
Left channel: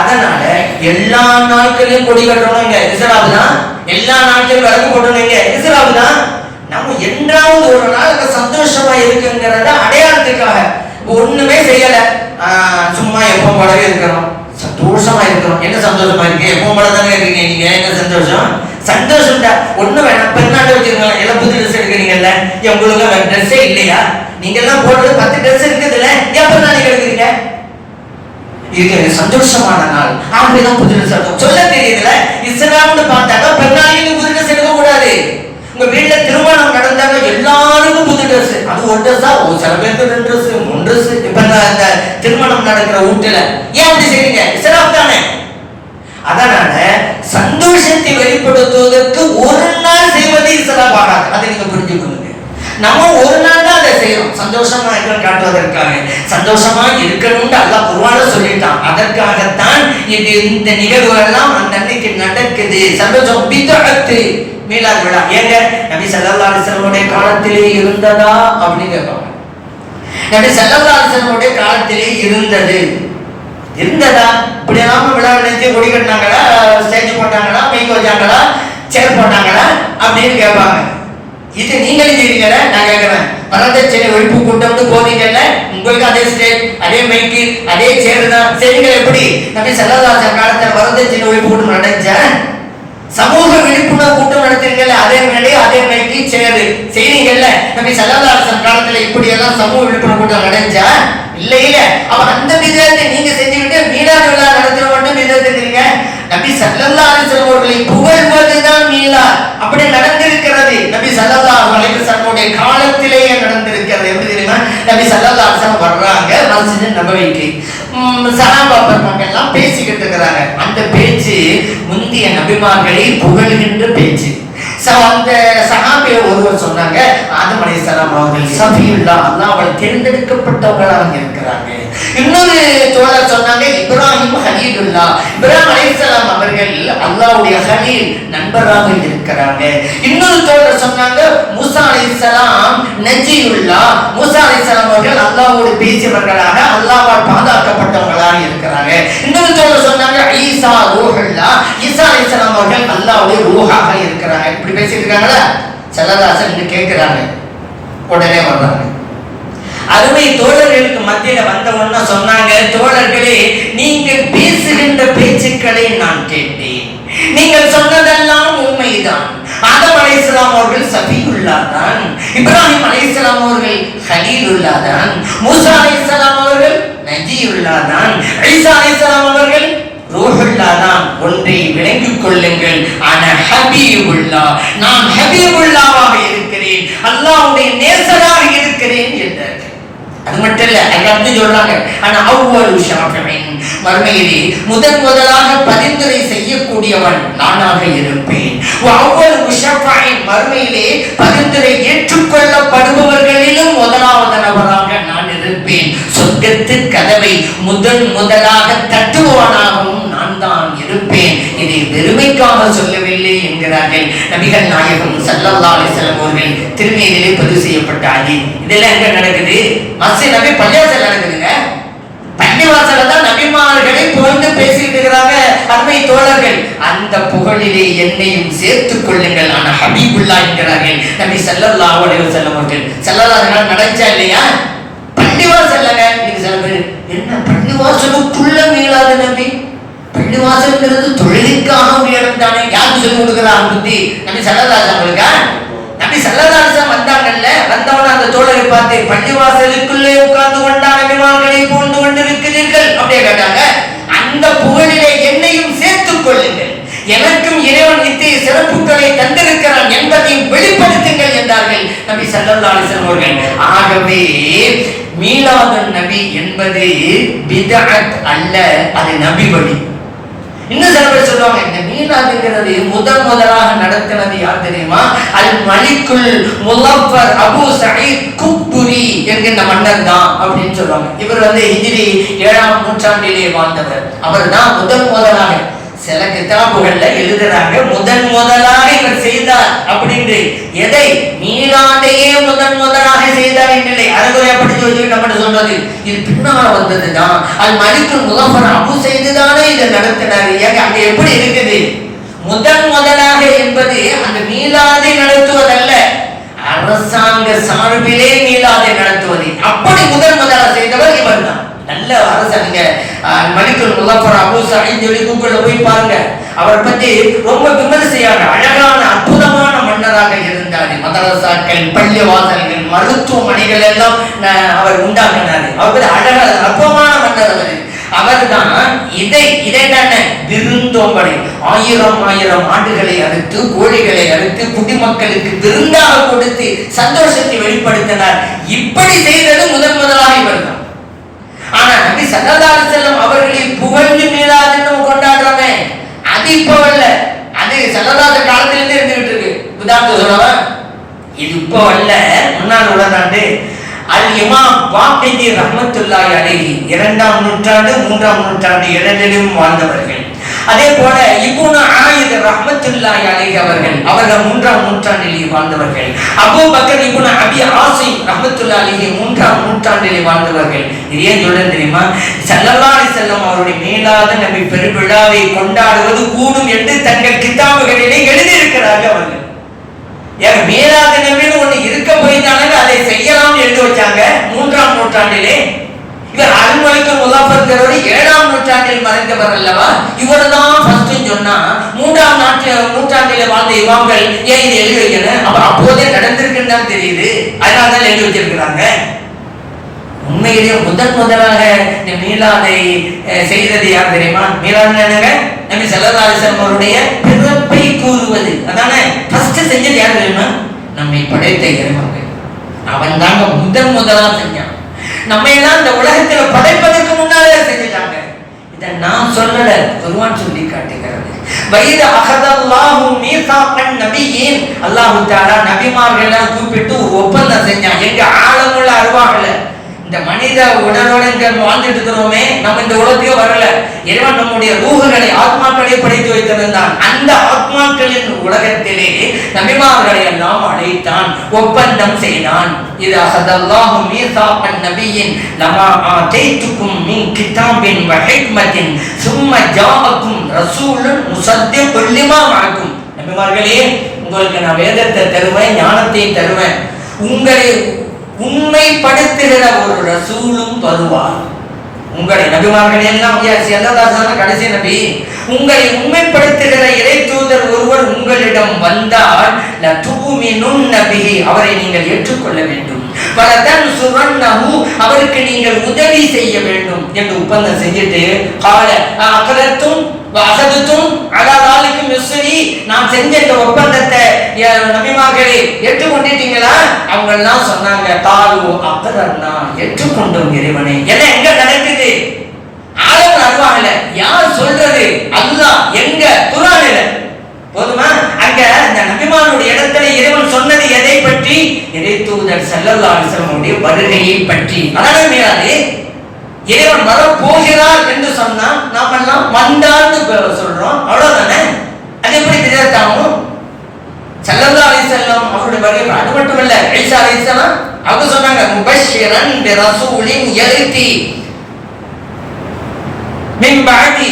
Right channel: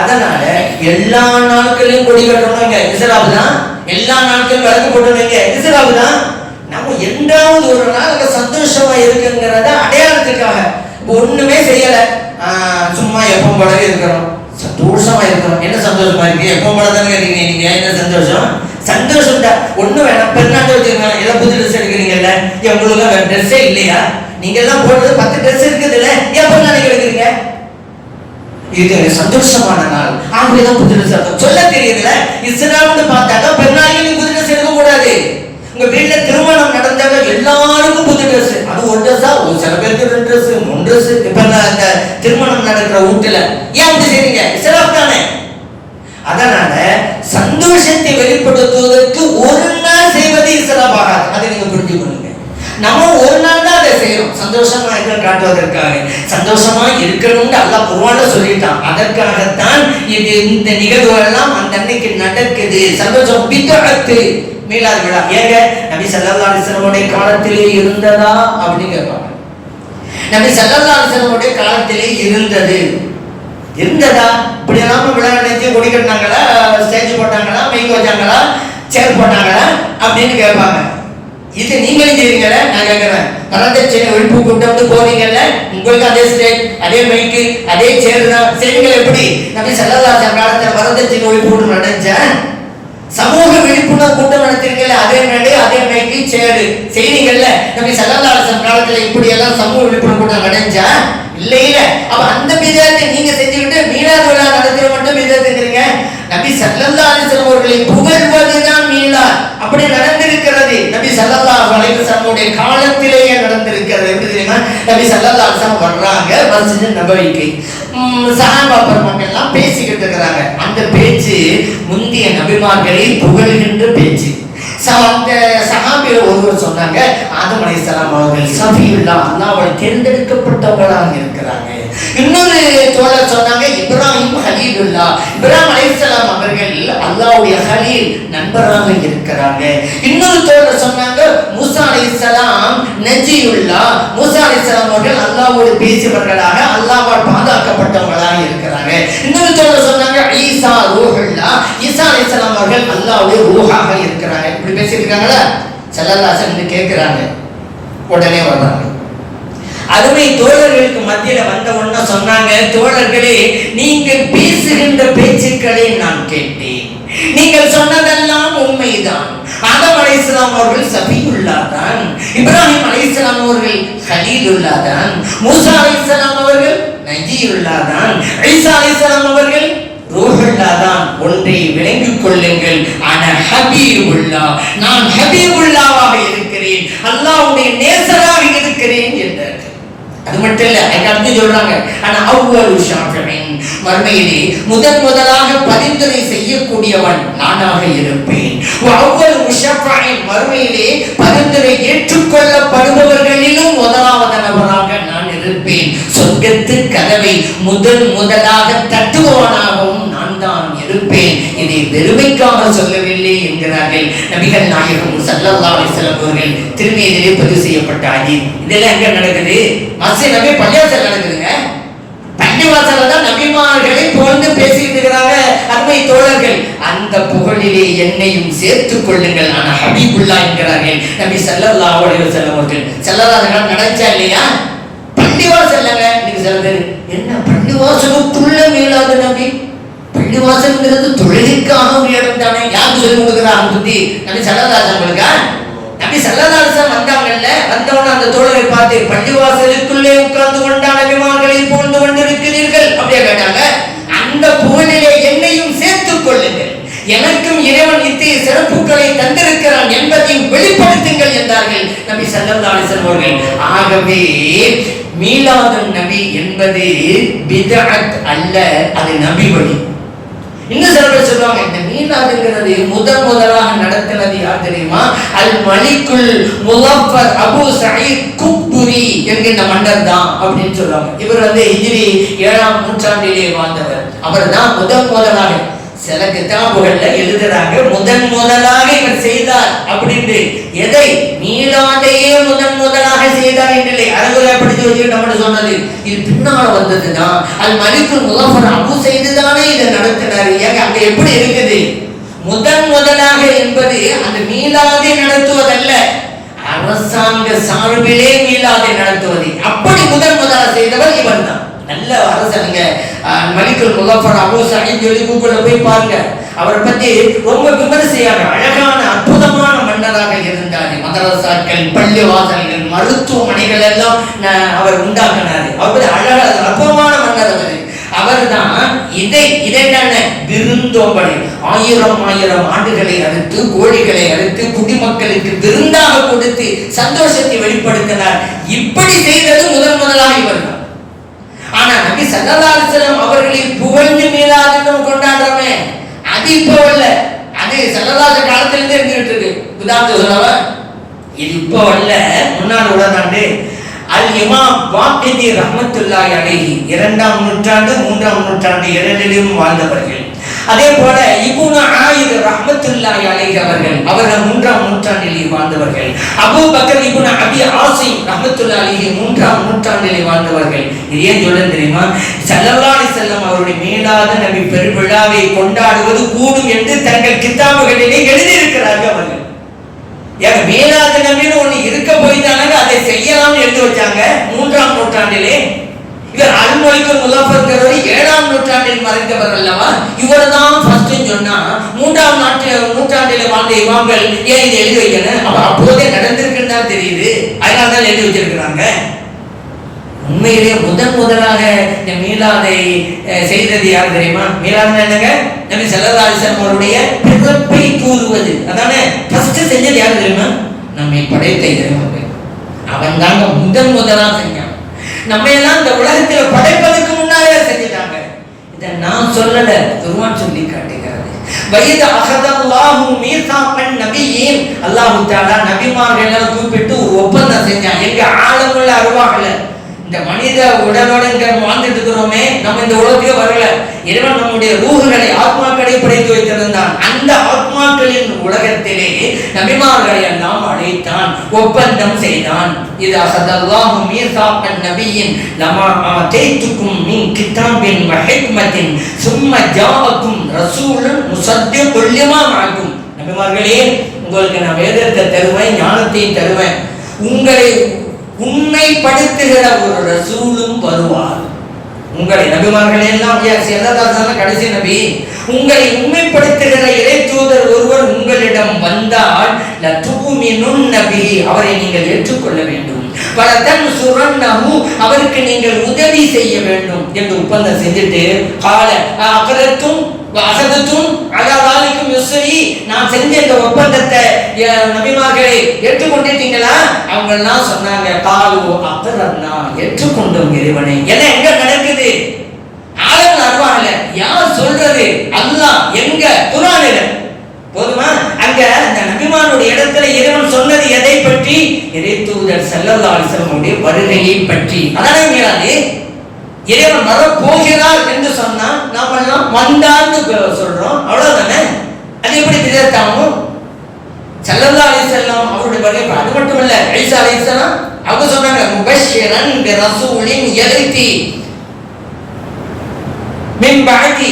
அதனால எல்லா நாட்களையும் கொடி கட்டுறவங்க இஸ்லாம் தான், எல்லா நாட்களும் விளக்கு போட்டவங்க இஸ்லாம் தான். நம்ம என்றாவது ஒரு நாள் சந்தோஷமா இருக்குங்கிறத அடையாளத்துக்காக ஒண்ணுமே செய்யல, சும்மா எப்ப போலவே இருக்கிறோம், சந்தோஷமா இருக்கிறோம். என்ன சந்தோஷமா இருக்கு? எப்ப போல தானே இருக்கீங்க நீங்க, என்ன சந்தோஷம்? சந்தோஷம் ஒண்ணு வேணாம், பெருநாட்டு வச்சுக்கோங்க, எல்லாம் புது ட்ரெஸ் எடுக்கிறீங்கல்ல, உங்களுக்கு வேற ட்ரெஸ்ஸே இல்லையா? நீங்க எல்லாம் போடுறது 10 ட்ரெஸ் இருக்குது இல்ல, எப்ப நாளைக்கு எடுக்கிறீங்க? இது சந்தோஷமான நாள், ஆகவேதான் புது ட்ரெஸ் எடுக்கும் சொல்ல தெரியுதுல. இஸ்லாம்னு பார்த்தாக்கா பெருநாளைக்கு புது ட்ரெஸ் எடுக்க கூடாது. உங்க வீட்டுல திருமணம் நடந்தாங்க எல்லாருக்கும் புது ட்ரெஸ், அது ஒரு ட்ரெஸ்ஸா? சில பேருக்கு 2 ட்ரெஸ் 3 ட்ரெஸ். இப்ப அந்த திருமணம் நடக்கிற வீட்டுல ஏன் அப்படி செய்றீங்க? இஸ்லாம் தானே. அதனால சந்தோஷத்தை வெளிப்படுத்துவதற்கு ஒரு நாள் செய்வது இஸ்லாம் ஆகாது. அதை நீங்க புரிஞ்சுக்கொள்ளுங்க. நம்ம ஒரு நாள் தான் அதை செய்யறோம், சந்தோஷமா இருக்க காட்டுவதற்காக. சந்தோஷமா இருக்கணும்னு அல்லாஹ் குர்ஆன்ல சொல்லிட்டான். அதற்காகத்தான் இது இந்த நிகழ்வுகள்லாம் அந்த அன்னைக்கு நடக்குது. சந்தோஷம் பித்அத்து மீலாது விழா. ஏங்க நபி ஸல்லல்லாஹு அலைஹி வஸல்லம் காலத்திலே இருந்ததா அப்படின்னு கேட்பாங்க. நபி ஸல்லல்லாஹு அலைஹி வஸல்லம் காலத்திலே இருந்ததா? இப்படி எல்லாம் விழா நினைச்சு கொடி கட்டினாங்களா, ஸ்டேஜ் போட்டாங்களா, மைக் வச்சாங்களா, சேர் போட்டாங்களா அப்படின்னு கேட்பாங்க. இது நீங்களும் செய்வீங்கல்ல, நான் கேட்கிறேன். வரதட்சணை ஒழிப்பு கூட்டம் போவீங்கல்ல, உங்களுக்கு அதே ஸ்டேஜ், அதே மைக்கு, அதே சேர் தான் செய்வீங்க. எப்படி நபி ஸல்லல்லாஹு அலைஹி வஸல்லம் காலத்துல வரதட்சணை ஒழிப்பு கூட்டம் நடந்துச்ச? சமூக விழிப்புணர்வு கூட்டம் நடத்திருக்கல, அதே மேலே அதே மைக்கு சேர் செய்வீங்கல்ல. நபி ஸல்லல்லாஹு அலைஹி வஸல்லம் காலத்துல இப்படி எல்லாம் சமூக விழிப்புணர்வு கூட்டம் நடந்துச்சா? இல்ல இல்ல. அப்ப அந்த விதத்தை நீங்க செஞ்சுக்கிட்டு மீலாது விழா நடத்துற மட்டும் விதத்துக்கிறீங்க. நபி ஸல்லல்லாஹு அலைஹி வஸல்லம் அவர்களை புகழ்வதுதான் மீலாத். அப்படி நடந்திருக்கிறது. நபி ஸல்லல்லாஹு அலைஹி வஸல்லம் காலத்திலேயே நடந்திருக்கிறது. எப்படி தெரியுமா? நபி ஸல்லல்லாஹு அலைஹி வஸல்லம் வர்றாங்க மஸ்ஜித் நபவிக்கு, சஹாபா பெருமக்கள் எல்லாம் பேசிக்கிட்டு இருக்கிறாங்க. அந்த பேச்சு முந்திய நபிமார்களை புகழ்கின்ற பேச்சு. அந்த சஹாபிகள் ஒருவர் சொன்னாங்க, ஆதம் அலைஹிஸ்ஸலாம் அவர்கள் சஃபியுல்லாஹ், அல்லாஹ்வால் தேர்ந்தெடுக்கப்பட்டவர்களாக இருக்கிறாங்க. இன்னொரு தோழர் சொன்னாங்க, இப்ராஹிம் ஹலீலுல்லாஹ், இப்ராஹிம் அலைஹிஸ்ஸலாம் அவர்கள் அல்லாஹ்வுடைய ஹலீல் நண்பராக இருக்கிறாங்க. இன்னொரு தோழர் சொன்னாங்க, மூசா அலைஹிஸ்ஸலாம் நஜியுல்லாஹ், மூசா அலைஹிஸ்ஸலாம் அவர்கள் அல்லாஹ்வோடு பேசியவர்களாக, அல்லாஹ்வால் பாதுகாக்கப்பட்டவர்களாக இருக்கிறாங்க. இன்னொரு தோழர் சொன்னாங்க, ஈசா ரூஹுல்லாஹ், ஈசா அலைஹிஸ்ஸலாம் அவர்கள் அல்லாஹ்வுடைய ரூஹாக இருக்கிறாங்க. இப்படி பேசிட்டு இருக்காங்களா? ஸல்லல்லாஹு அலைஹி வஸல்லம் கேட்கிறாங்க. உடனே வர்றாங்க. அருமை தோழர்களுக்கு மத்தியில வந்தவொன்னா சொன்னாங்க, தோழர்களே, நீங்கள் பேசுகின்ற பேச்சுக்களை நான் கேட்டேன், நீங்கள் சொன்னதெல்லாம் உண்மைதான். ஆதம் அலைஹிஸ்ஸலாம் அவர்கள் சஃபியுல்லாஹ் தான், இப்ராஹிம் அலைஹிஸ்ஸலாம் அவர்கள் ஹலீலுல்லாஹ் தான், மூசா அலைஹிஸ்ஸலாம் அவர்கள் நஜியுல்லாஹ் தான், ஈசா அலைஹிஸ்ஸலாம் அவர்கள் ரூஹுல்லாஹ் தான். ஒன்றை விளங்கிக் கொள்ளுங்கள், அன ஹபீபுல்லாஹ், நான் ஹபீபுல்லாஹ்வாக இருக்கிறேன், அல்லாஹ்வுடைய நேசராக இருக்கிறேன் என்றார். அது மட்டும் இல்ல, அடுத்து சொல்றாங்க, ஆனா அவ்வளவு ஷாஃபிஈன், மறுமையிலே முதலாக பரிந்துரை செய்யக்கூடியவன் நானாக இருப்பேன். அவ்வளவு ஷாஃபிஈன், மறுமையிலே பரிந்துரை ஏற்றுக்கொள்ளப்படுபவர்களிலும் முதலாவது நபராக நான் இருப்பேன். சொர்க்கத்து கதவை முதலாக தட்டுபவனாகவும் நான் தான் இருப்பேன். இதை பெருமைக்காக சொல்லவில்லை என்கிறார்கள் நபிகள் நாயகம் ஸல்லல்லாஹு அலைஹி வஸல்லம் அவர்கள் திருமேனியிலே பதிவு செய்யப்பட்ட ஹதீஸ். இதெல்லாம் எங்க நடக்குது? மஸ்ஜித் நபி பள்ளிவாசல் நடக்குதுங்க. பள்ளிவாசல்ல தான் நபிமார்களை புகழ்ந்து பேசிட்டு இருக்கிறாங்க அருமை தோழர்கள். அந்த புகழிலே என்னையும் சேர்த்துக் கொள்ளுங்கள், ஆனா ஹபீபுல்லாஹ் என்கிறார்கள் நபி ஸல்லல்லாஹு அலைஹி வஸல்லம் அவர்கள். ஸல்லல்லாஹு அலைஹி வஸல்லம் நடந்துச்சா இல்லையா? பள்ளிவாசல்ல நீங்க சொல்றது என்ன? பள்ளிவாசலுக்குள்ள மீளாது நபி. பள்ளிவாசல்ங்கிறது தொழிலுக்கான ஒரு இடம் தானே. யாருக்கு சொல்லி கொடுக்குறாங்க புத்தி? நபி ஸல்லல்லாஹு அலைஹி வஸல்லம். நபி ஸல்லல்லாஹு அலைஹி வஸல்லம் வந்தாங்கல்ல, வந்தவன அந்த அந்த தோழரை பார்த்து, பள்ளிவாசலுக்குள்ளே உட்கார்ந்து கொண்டான நபிமார்களை புகழ்ந்து கொண்டிருக்கிறீர்கள் அப்படியே கேட்டாங்க. அந்த புகழிலே என்னையும் சேர்த்துக் கொள்ளுங்கள், எனக்கும் இறைவன் இத்தகைய சிறப்புகளை தந்திருக்கிறான் என்பதையும் வெளிப்படுத்துங்கள் என்றார்கள் நபி ஸல்லல்லாஹு அலைஹி வஸல்லம் அவர்கள். ஆகவே மீலாதுன் நபி என்பது பித்அத் அல்ல, அது நபி வழி. இன்னும் சில பேர் சொல்லுவாங்க, இந்த மீலாதுங்கிறது முதலாக நடத்தினது யார் தெரியுமா? அல் மலிக்குல் முலஃபர் அபு சயீத் குப்துரி என்கின்ற மன்னர் தான் அப்படின்னு சொல்லுவாங்க. இவர் ஹிஜ்ரி 7ஆம் நூற்றாண்டிலே வாழ்ந்தவர். அவர் தான் முதலாக, சில கிதாபுகள்ல எழுதுறாங்க முதலாக இவர் செய்தார் அப்படின்னு. எதை? மீலாதையே முதலாக செய்தார் இல்லை, அறகுறையா படிச்சு வச்சு நம்ம சொன்னது இது பின்னால வந்ததுதான். அல் மலிக்குல் முலஃபர் அபு செய்துதானே இதை நடத்தினாரு. ஏங்க அங்க எப்படி இருக்குது? முதலாக என்பது அந்த மீலாதை நடத்துவதல்ல, அரசாங்க சார்பிலே மீலாதை நடத்துவது. அப்படி முதலாக செய்தவர் இவர் தான். நல்ல அரசாங்க மலிக்குல் முலஃபர் அபு சயீத் சொல்லி கூகுள்ல போய் பாருங்க. அவரை பத்தி ரொம்ப விமர்சையாக அழகான அற்புதமான மன்னராக இருந்தார். மதரசாக்கள், பள்ளி வாசல்கள், மருத்துவமனைகள் எல்லாம் அவர் உண்டாக்கினார். அவர் அழகான அற்புதமான மன்னர். அவர் தான் இதை விருந்தோம்பலை 1000 ஆண்டுகளை அறுத்து, கோழிகளை அறுத்து குடிமக்களுக்கு விருந்தாக கொடுத்து சந்தோஷத்தை வெளிப்படுத்தினார். இப்படி செய்தது முதலாக இவர் தான். ஆனா நபி ஸல்லல்லாஹு அலைஹி வஸல்லம் அவர்களை புகழ்ந்து மீலாதுன்னு கொண்டாடுறோமே, அது இப்ப இல்ல, அது ஸல்லல்லாஹு காலத்திலிருந்து இருந்துகிட்டு இருக்கு. உதாரணத்துக்கு சொல்லவா, இது இப்ப இல்ல, முன்னாள் உலகாண்டு அல் இமாம் வாக்கிதி ரஹ்மத்துல்லாஹி அலைஹி 2ஆம் நூற்றாண்டு 3ஆம் நூற்றாண்டு இரண்டிலும் வாழ்ந்தவர்கள். அதே போல இப்னு ஆயித் ரஹ்மத்துல்லாஹி அலைஹி அவர்கள் 3ஆம் நூற்றாண்டிலே வாழ்ந்தவர்கள். அபூ பக்கர் இப்னு அபி ஆசிம் ரஹ்மத்துல்லாஹி அலைஹி 3ஆம் நூற்றாண்டிலே வாழ்ந்தவர்கள். ஏன் சொல்றேன் தெரியுமா? ஸல்லல்லாஹு அலைஹி வஸல்லம் அவருடைய மீலாது நபி பெருவிழாவை கொண்டாடுவது கூடும் என்று தங்கள் கிதாபுகளிலே எழுதியிருக்கிறார்கள் அவர்கள். ஏன் மீலாது நபின்னு ஒண்ணு இருக்க போய்தானங்க அதை செய்யலாம்னு எழுதி வச்சாங்க 3ஆம் நூற்றாண்டிலே. இவர் அல் மலிக்குல் முலஃபர் 7ஆம் நூற்றாண்டில் மறைந்தவர் அல்லவா? இவர் தான் ஃபர்ஸ்ட் சொன்னா 3ஆம் நூற்றாண்டிலே வாழ்ந்த இமாம்கள் ஏன் இதை எழுதி வைக்கணும்? அப்போதே நடந்திருக்குன்னு தெரியுது, அதனால தான் எழுதி வச்சிருக்கிறாங்க. உண்மையிலே முதலாக இந்த மீலாதை செய்தது யார் தெரியுமா? மீலாது என்னங்க? நபி ஸல்லல்லாஹு அலைஹி வஸல்லம் அவருடைய பிறப்பை கூறுவது. அதானே ஃபர்ஸ்ட் செஞ்சது யார் தெரியுமா? நம்மை படைத்த இறைவன். அவன் தாங்க முதலாக செஞ்சான். நம்ம எல்லாம் இந்த உலகத்துல படைப்பதற்கு முன்னாலே செஞ்சிட்டாங்க. இதை நான் சொல்லல, குர்ஆன் சொல்லி காட்டுகிறது. வைத அஹதல்லாஹு மீசாகன் நபியின், அல்லாஹ் தஆலா நபிமார்களை எல்லாம் கூப்பிட்டு ஒரு ஒப்பந்தம் செஞ்சான். எங்க ஆழமுள்ள அருவாகல இந்த மனித உடனோடு வாழ்ந்துட்டு இருக்கிறோமே, நம்ம இந்த உலகத்தையும் வரல. இறைவன் நம்முடைய ரூஹுகளை, ஆத்மாக்களை படைத்து வைத்திருந்தான். அந்த ஆத்மாக்களின் உலகத்திலே நபிமார்களை எல்லாம் அழைத்தான், ஒப்பந்தம் செய்தான். இது அஹதல்லாஹு மீசாகன் நபியின் லமா ஆதைதுக்கும் மின் கிதாபின் வ ஹிக்மத்தின் சும்ம ஜாஅக்கும் ரசூலுன் முஸத்திகுல் லிமா மஅக்கும். நபிமார்களே, உங்களுக்கு நான் வேதத்தை தருவேன், ஞானத்தையும் தருவேன், உங்களை உண்மைப்படுத்துகிற ஒரு ரசூலும் வருவார். உங்களை நபிமார்கள் எல்லாம் கடைசி நபி, உங்களை உண்மைப்படுத்துகிற இறை தூதர் ஒருவர் உங்களிடம் வந்தால் அவரை நீங்கள் ஏற்றுக்கொள்ள வேண்டும், அவருக்கு நீங்கள் உதவி செய்ய வேண்டும் என்று ஒப்பந்தம் செஞ்சுட்டு நான் செஞ்ச இந்த ஒப்பந்தத்தை நபிமார்களே ஏற்றுக்கொண்டிட்டீங்களா? அவங்க எல்லாம் சொன்னாங்க, ஏற்றுக்கொண்டோம் இறைவனே. என்ன எங்க நடக்குது? ஆழம் அருவாகல. யார் சொல்றது? அல்லாஹ். எங்க? குர்ஆனில. போதுமா? அங்க அந்த நபிமானுடைய இடத்துல இறைவன் சொன்னது எதை பற்றி? இறை தூதர் ஸல்லல்லாஹு அலைஹி வஸல்லம் வருகையை பற்றி. அதானே மீலாது. இறைவன் வர போகிறார் என்று சொன்னா நாம எல்லாம் வந்தான்னு சொல்றோம், அவ்வளவுதானே. அது எப்படி தெரியாதாகும்? ஸல்லல்லாஹு அலைஹி வஸல்லம் அவருடைய வருகை. அது மட்டும் இல்ல, ஈசா அலைஹிஸ்ஸலாம் அவங்க சொன்னாங்க, முபஷ்ஷிரன் பிரசூலின் யதி மின் பஅதி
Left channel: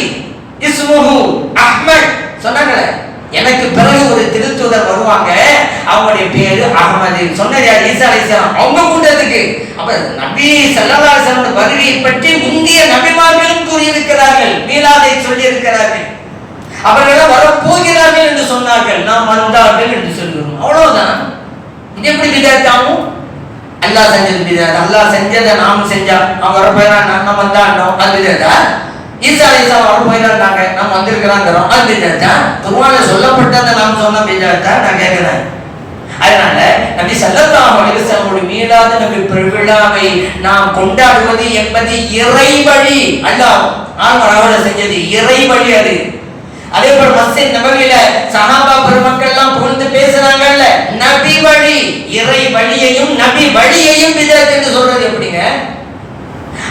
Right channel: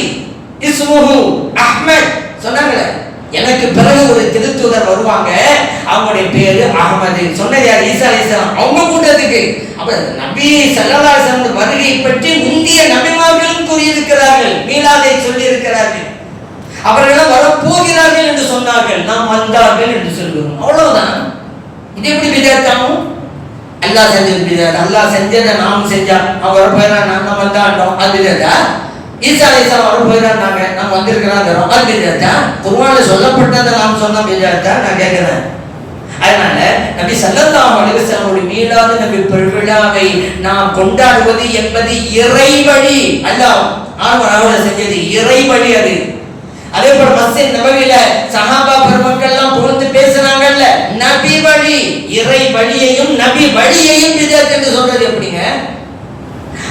இஸ்முஹு அஹ்மத். சொன்னாங்க, எனக்கு பிறகு ஒரு திருத்தூதர் வருவாங்க, அவங்களுடைய பேரு அஹ்மது. சொன்னது யார்? ஈசா அலைஹிஸ்ஸலாம். அவங்க கூட்டத்துக்கு அப்ப நபி ஸல்லல்லாஹு அலைஹி வஸல்லம் வருகையை பற்றி முந்திய நபிமார்களும் கூறியிருக்கிறார்கள், மீலாதை சொல்லி இருக்கிறார்கள். அவர்கள் வரப்போகிறார்கள் என்று சொன்னார்கள், நாம் வந்தார்கள் என்று சொல்லுவோம், அவ்வளவுதான். இது எப்படி விதத்தாகும்? அல்லாஹ் செஞ்சது பிதாத். அல்லாஹ் செஞ்சதை நாம் செஞ்சா அவன் வர போயிடறான், நம்ம வந்தாண்டோம், அது பிதாத்தா? ஈசா வர போயிடறாங்க, நம்ம வந்திருக்கிறான், அது பிதாத்தா? குர்ஆன்ல சொல்லப்பட்டதை நாம் சொன்ன பிதாத்தா? நான் கேட்கிறேன். அதனால நபி ஸல்லல்லாஹு அலைஹி வஸல்லம் மீலாது நபி பெருவிழாவை நாம் கொண்டாடுவது என்பது இறை வழி. அல்லாஹ் ஆர்வராவல செஞ்சது இறை வழி. அது அதே போல மஸ்ஜித் நபவியில சஹாபா பெருமக்கள் எல்லாம் புகழ்ந்து பேசுறாங்கல்ல, நபி வழி. இறை வழியையும் நபி வழியையும் பிதஅத் என்று சொல்றது எப்படிங்க?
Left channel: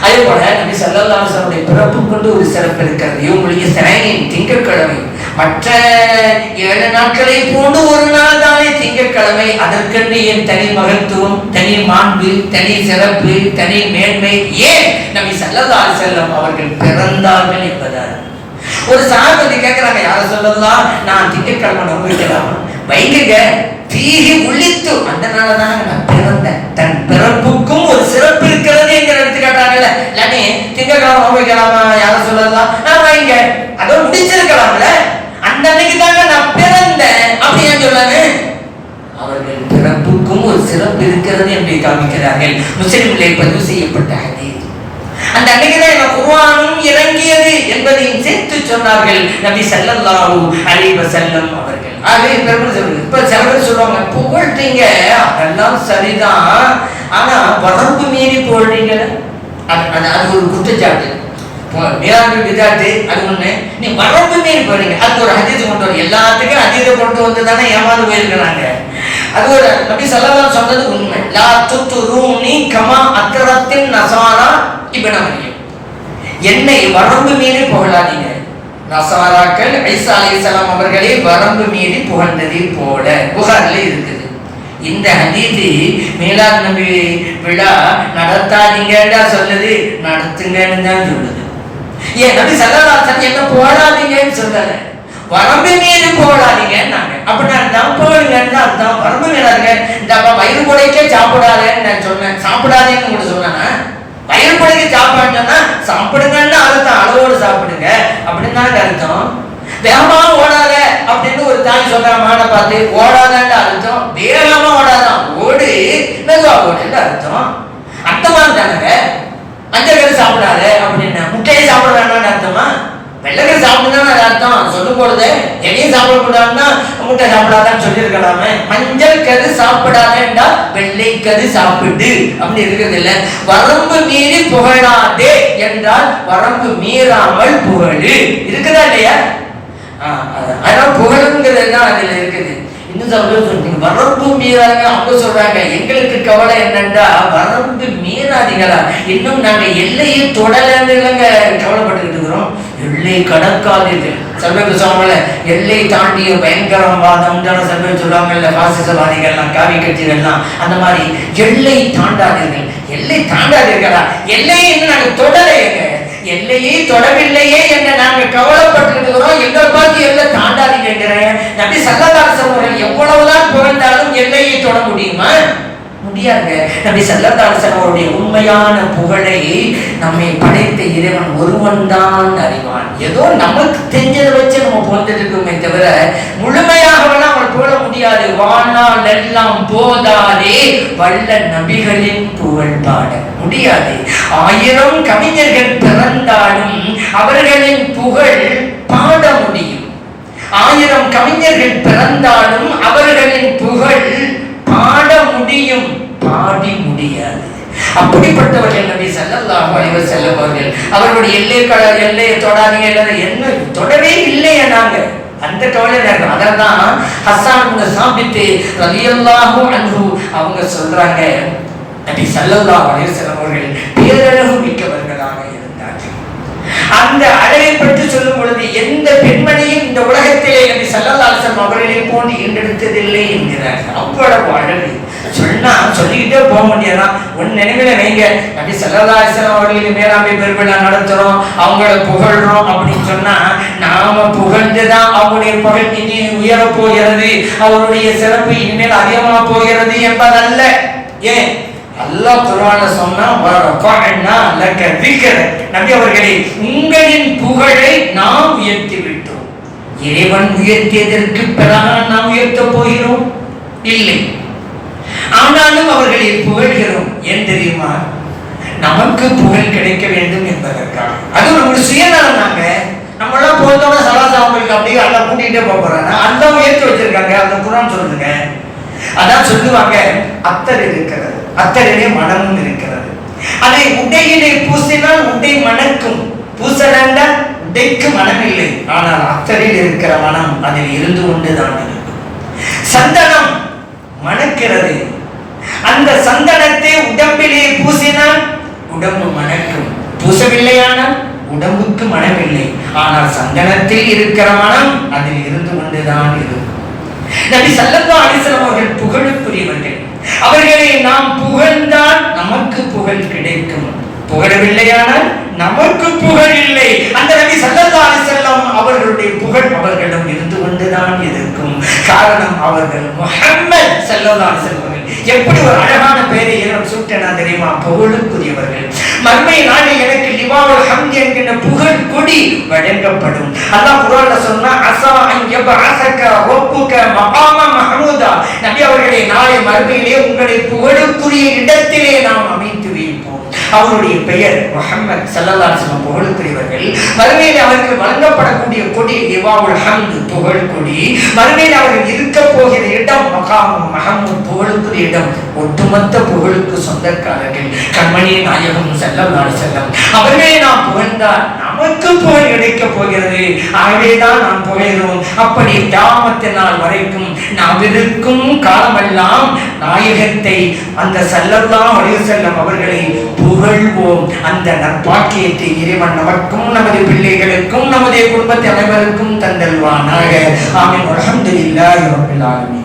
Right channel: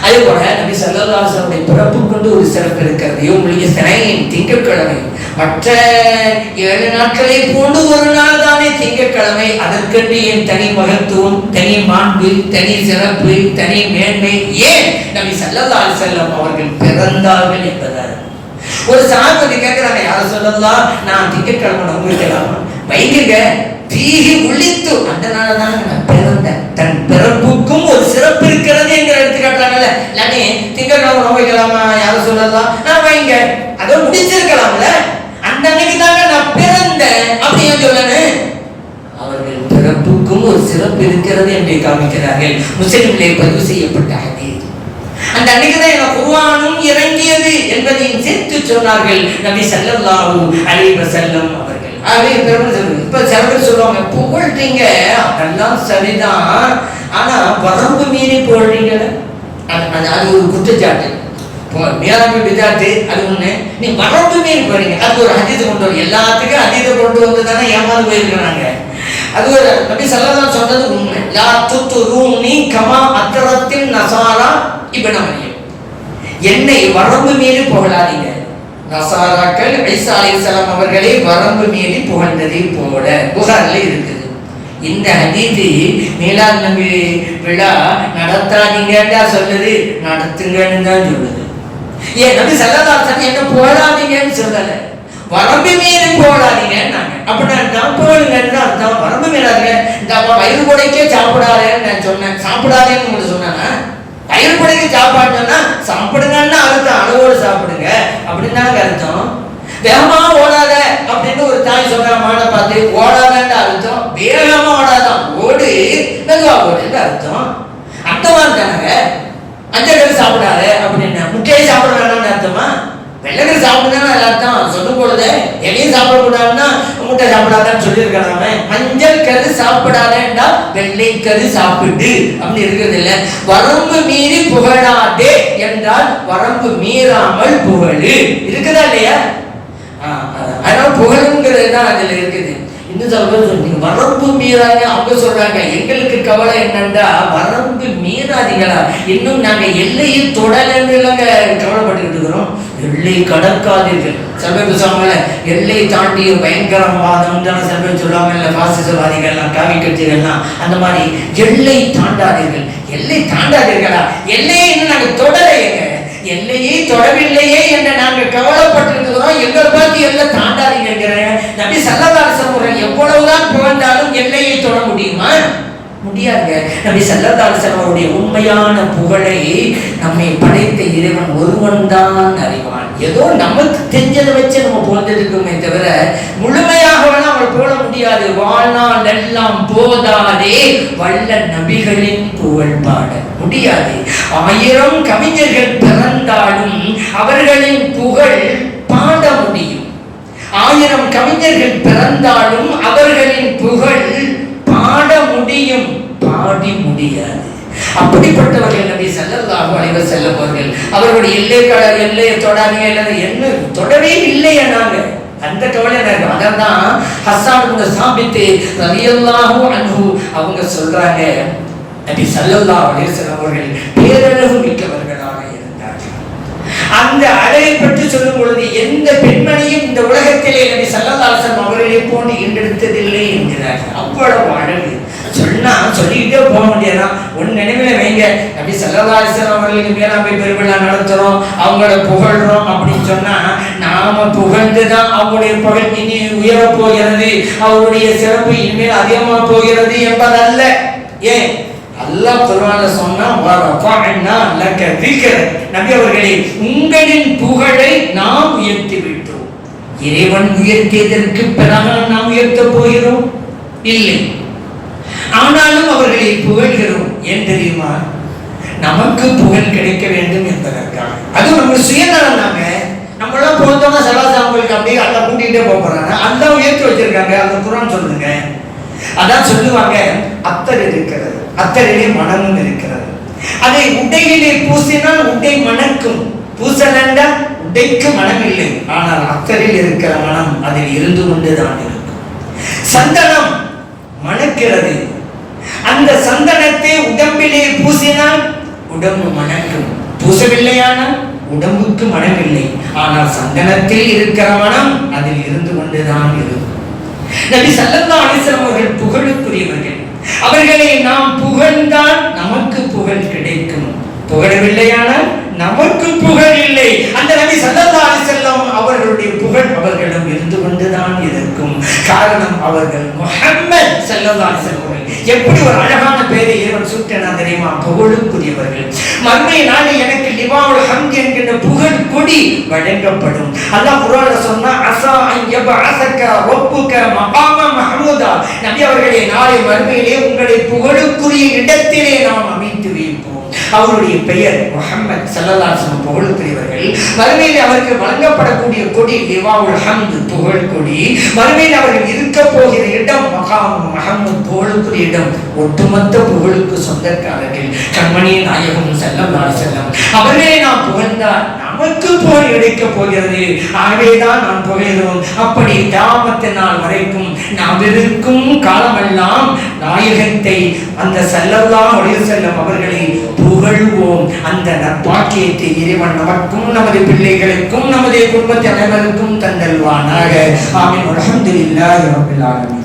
அதே போல நபி ஸல்லல்லாஹு அலைஹி வஸல்லம் பிறப்பு கொண்டு ஒரு சிறப்பு இருக்கிறது. இவங்களுக்கு சனியின் திங்கட்கிழமை மற்ற 7 நாட்களை போன்று ஒரு நாள் தானே திங்கட்கிழமை. அதற்கென்று என் தனி மகத்துவம், தனி மாண்பு, தனி சிறப்பு, தனி மேன்மை ஏன் நபி ஸல்லல்லாஹு அலைஹி வஸல்லம் அவர்கள் பிறந்தார்கள் என்பதால். ஒரு சஹாபி கேட்கிறாங்க, யார சொல்லலாம், நான் திங்கட்கிழமை நம்பிக்கலாம் வைக்குங்க தீஹி உள்ளித்து, அந்த நாளதான் நான் பிறந்தேன். தன் பிறப்புக்கும் ஒரு சிறப்பு இருக்கிறது என்கிற எடுத்துக்காட்டாங்கல்ல. இல்லாட்டி திங்கட்கிழமை நம்பிக்கலாமா, யார சொல்லலாம், நான் வைங்க அதோ முடிச்சிருக்கலாம்ல. அந்த அன்னைக்கு தாங்க நான் பிறந்தேன் அப்படி ஏன் சொல்லனே? அவர்கள் பிறப்புக்கும் ஒரு சிறப்பு இருக்கிறது என்று காமிக்கிறார்கள். முஸ்லிம்களை பதிவு செய்யப்பட்ட ஹதீஸ். அந்த அன்னைக்கு தான் குர்ஆனும் இறங்கியது என்பதையும் சேர்த்து சொன்னார்கள் நபி ஸல்லல்லாஹு அலைஹி வஸல்லம் அவர்கள். ஆகவே இப்ப சில பேர் சொல்லுவாங்க, புகழ்றீங்க அதெல்லாம் சரிதான், ஆனா வரம்பு மீறி புகழ்றீங்க, அது ஒரு குற்றச்சாட்டு. மியாபி பிதாத்து அது ஒண்ணு, நீ வரம்பு மீறி போறீங்க. அது ஒரு ஹதீஸ் கொண்டு வர, எல்லாத்துக்கும் ஹதீஸை கொண்டு வந்து தானே ஏமாந்து போயிருக்கிறாங்க. அது ஒரு நபி ஸல்லல்லாஹு சொன்னது உண்மை. லா துத்ரூனி கமா அத்ரத்தின் நஸாரா இப்னு மரியம். என்னை வரம்பு மீறி புகழாதீங்க. நஸாராக்கள் ஈசா அலைஹிஸ்ஸலாம் அவர்களை வரம்பு மீறி புகழ்ந்ததை போல புகார்ல இருக்குது. இந்த ஹதீஸ் மீலாத் நபி விழா நடத்தாதீங்கன்னு சொல்லுது, நடத்துங்கன்னு தான் சொல்லுது. ஏன் நபி ஸல்லல்லாஹு அலைஹி வஸல்லம் என்ன புகழாதீங்கன்னு சொல்றாங்க, வரம்பு மீறி புகழாதீங்கன்னாங்க. அப்படின்னா புகழுங்கன்னு அர்த்தம். வரம்பு மீறாங்க. இந்த வயிறு குடைக்க சாப்பிடாதேன்னு நான் சொன்னேன், சாப்பிடாதேன்னு உங்களுக்கு சொன்னா வயிறு குடைக்க சாப்பாடுன்னா சாப்பிடுங்கன்னு அர்த்தம், அளவோடு சாப்பிடுங்க அப்படின்னு அர்த்தம். வேகமா ஓடாத அப்படின்னு ஒரு தாய் சொல்ற மாடை பார்த்து ஓடாதன்னு அர்த்தம், வேகமா ஓடாதான் ஓடு மெதுவா ஓடுன்னு அர்த்தம். அந்த மாதிரி தானங்க மஞ்சள் சாப்பிடாத அப்படின்னு முட்டையை சாப்பிட வேண்டாம்னு அர்த்தமா? வெள்ளைக்கறி சாப்பிடுன்னு அர்த்தம் சொல்லும் பொழுது எதையும் சாப்பிடக்கூடாதுன்னா முட்டை சாப்பிடாதான்னு சொல்லியிருக்கலாமே. மஞ்சள் கரு சாப்பிடாதேண்டா வெள்ளை கரு சாப்பிடு அப்படி இருக்கிறது இல்லை. வரம்பு மீறி புகழாதே என்றால் வரம்பு மீறாமல் புகழு இருக்குதா இல்லையா? அதனால புகழுங்கிறது தான் அதுல இருக்குது. இன்னும் சொல்றீங்க வரம்பு மீறாங்க அவங்க சொல்றாங்க. எங்களுக்கு கவலை என்னன்னா வரம்பு மீறாதீங்களா, இன்னும் நாங்க எல்லையை தொடலன்னு கவலைப்பட்டு இருக்கிறோம். எல்லை கடக்காதீர்கள். செல்வம் சொல்லுவாங்கல்ல, எல்லை தாண்டிய பயங்கரவாதம் செல்வம் சொல்லுவாங்கல்ல, பாசிசவாதிகள்லாம் காவி கட்சிகள்லாம் அந்த மாதிரி எல்லை தாண்டாதீர்கள். எல்லை தாண்டாதீர்களா? எல்லையை இன்னும் நாங்க தொடலையேங்க, எல்லையை தொடவில்லையே என்று நாங்கள் கவலைப்பட்டிருக்கிறோம். எங்கள் பார்த்து எல்லை தாண்டாதீங்கிறேன். நபி ஸல்லல்லாஹு அலைஹி வஸல்லம் எவ்வளவுதான் புகழ்ந்தாலும் எல்லையை தொட முடியுமா? முடியாது. நபி ஸல்லல்லாஹு அலைஹி வஸல்லம் அவருடைய உண்மையான புகழை நம்மை படைத்த இறைவன் ஒருவன் தான் அறிவான். ஏதோ நமக்கு தெரிஞ்சதை வச்சு நம்ம புகழ்ந்துருக்கோமே தவிர முழுமையாக நம்ம புகழ முடியாது. வாழ்நாள் எல்லாம் போதாதே வல்ல நபிகளின் புகழ் பாட முடியாது. 1000 கவிஞர்கள் பிறந்தாலும் அவர்களின் புகழ் பாட முடியும். 1000 கவிஞர்கள் பிறந்தாலும் அவர்களின் புகழ் பாட முடியும், பாடி முடியாது. அப்படிப்பட்டவர்கள் நபி ஸல்லல்லாஹு அலைஹி வஸல்லம் அவர்கள். அவர்களுடைய எல்லையை தொடாதீங்க, என்ன தொடவே இல்லையா நாங்க அந்த கவலை நேரம். அதான் ஹஸ்ஸான் இப்னு சாபித் ரலியல்லாஹு அன்ஹு அவங்க சொல்றாங்க, நபி ஸல்லல்லாஹு அலைஹி வஸல்லம் அவர்கள் பேரழகு மிக்கவர்களாக இருந்தார்கள். அந்த அழகை பற்றி சொல்லும் பொழுது எந்த பெண்மணியும் இந்த உலகத்திலே நபி ஸல்லல்லாஹு அலைஹி வஸல்லம் அவர்களை போன்று ஈண்டெடுத்ததில்லை என்கிறார்கள். அவ்வளவு அழகு சொன்னா சொல்லிக்கிட்டே போக முடியாதான். உன் நினைவுல வைங்க, நபி ஸல்லல்லாஹு அலைஹி வஸல்லம் அவர்களுக்கு மேலாண்மை பெருவிழா நடத்துறோம், அவங்கள புகழ்றோம் அப்படின்னு சொன்னா நாம புகழ்ந்துதான் அவருடைய புகழ் இனி உயரப் போகிறது, அவருடைய சிறப்பு இனிமேல் அதிகமா போகிறது என்பதல்ல. ஏன் அல்லாஹ் குர்ஆன்ல சொன்னா வரஃபஅனா லக திக்ர, நபி அவர்களே உங்களின் புகழை நாம் உயர்த்தி விட்டோம். இறைவன் உயர்த்தியதற்கு பிறகு நாம் உயர்த்த போகிறோம் இல்லை. ஆனாலும் அவர்களை புகழ்கிறோம். ஏன் தெரியுமா? நமக்கு புகழ் கிடைக்க வேண்டும் என்பதற்காக. அது நம்ம சுயநலம் தாங்க. நம்மளாம் போதோட சலாசாமலுக்கு அப்படியே எல்லாம் கூட்டிகிட்டே போறாங்க. அல்லாஹ் ஏற்றி வச்சிருக்காங்க. அந்த குர்ஆன் சொல்லுங்க. அதான் சொல்லுவாங்க, அத்தர் இருக்கிறது, அத்தரிலே மனமும் இருக்கிறது. அதை உடையிலே பூசினால் உடை மணக்கும். பூசலண்டா உடைக்கு மனம் இல்லை, ஆனால் அத்தரில் இருக்கிற மனம் அதில் இருந்து கொண்டுதான் இருக்கும். சந்தனம் மணக்கிறது. அந்த சந்தனத்தை உடம்பிலே பூசினால் உடம்பு மணக்கும். பூசவில்லையானால் உடம்புக்கு மனம் இல்லை, ஆனால் சந்தனத்தில் இருக்கிற மனம் அதில் இருந்து கொண்டுதான் இருக்கும். நபி ஸல்லல்லாஹு அலைஹி வஸல்லம் அவர்கள் புகழுக்குரியவர்கள். அவர்களை நாம் புகழ்ந்தால் நமக்கு புகழ் கிடைக்கும், புகழவில்லையானால் நமக்கு புகழ் இல்லை. அந்த நபி ஸல்லல்லாஹு அலைஹி வஸல்லம் அவர்களுடைய புகழ் அவர்களிடம் இருந்து கொண்டுதான் இருக்கும். காரணம், அவர்கள் முஹம்மது ஸல்லல்லாஹு அலைஹி வஸல்லம் எப்படி ஒரு அழகான பெயரை இறைவன் சூட்டினா தெரியுமா? புகழுக்குரியவர்கள். மறுமை நாளில் எனக்கு லிவாவுல் ஹம்த் என்கிற புகழ் கொடி வழங்கப்படும். அல்லாஹ் குர்ஆன்ல சொன்னா, அஸா அன் யபஅஸக ரப்புக மகாம மஹ்மூதா. நபி அவர்களே, நாளை மறுமையிலே உங்களை புகழுக்குரிய இடத்திலே நாம் அமைத்து வைப்போம். அவருடைய பெயர் முஹம்மது ஸல்லல்லாஹு அலைஹி வஸல்லம், புகழுக்குரியவர்கள். மறுமையிலே அவருக்கு வழங்கப்படக்கூடிய கொடி லிவாவுல் ஹம்த், புகழ் கொடி. மறுமையிலே அவர்கள் இருக்க போகிற இடம் மகாம மஹ்மூத், புகழுக்குரிய இடம். ஒட்டுமொத்த புகழுக்கு சொந்தக்காரர்கள் கண்மணி நாயகம் ஸல்லல்லாஹு அலைஹி வஸல்லம். அவர்களே நாம் புகழ்ந்தால் நமக்கு புகழ் கிடைக்கப் போகிறது. ஆகவேதான் நாம் புகழ்கிறோம். அப்படி கியாமத் நாள் வரைக்கும் நாம் இருக்கும் காலமெல்லாம் நாயகத்தை, அந்த ஸல்லல்லாஹு அலைஹி வஸல்லம் அவர்களை புகழ்வோம். அந்த நற்பாக்கியத்தை இறைவன் நமக்கும் நமது பிள்ளைகளுக்கும் நமது குடும்பத்தை அனைவருக்கும் தந்தல்வானாக. ஆமீன். அல்ஹம்துலில்லாஹி ரப்பில் ஆலமீன்.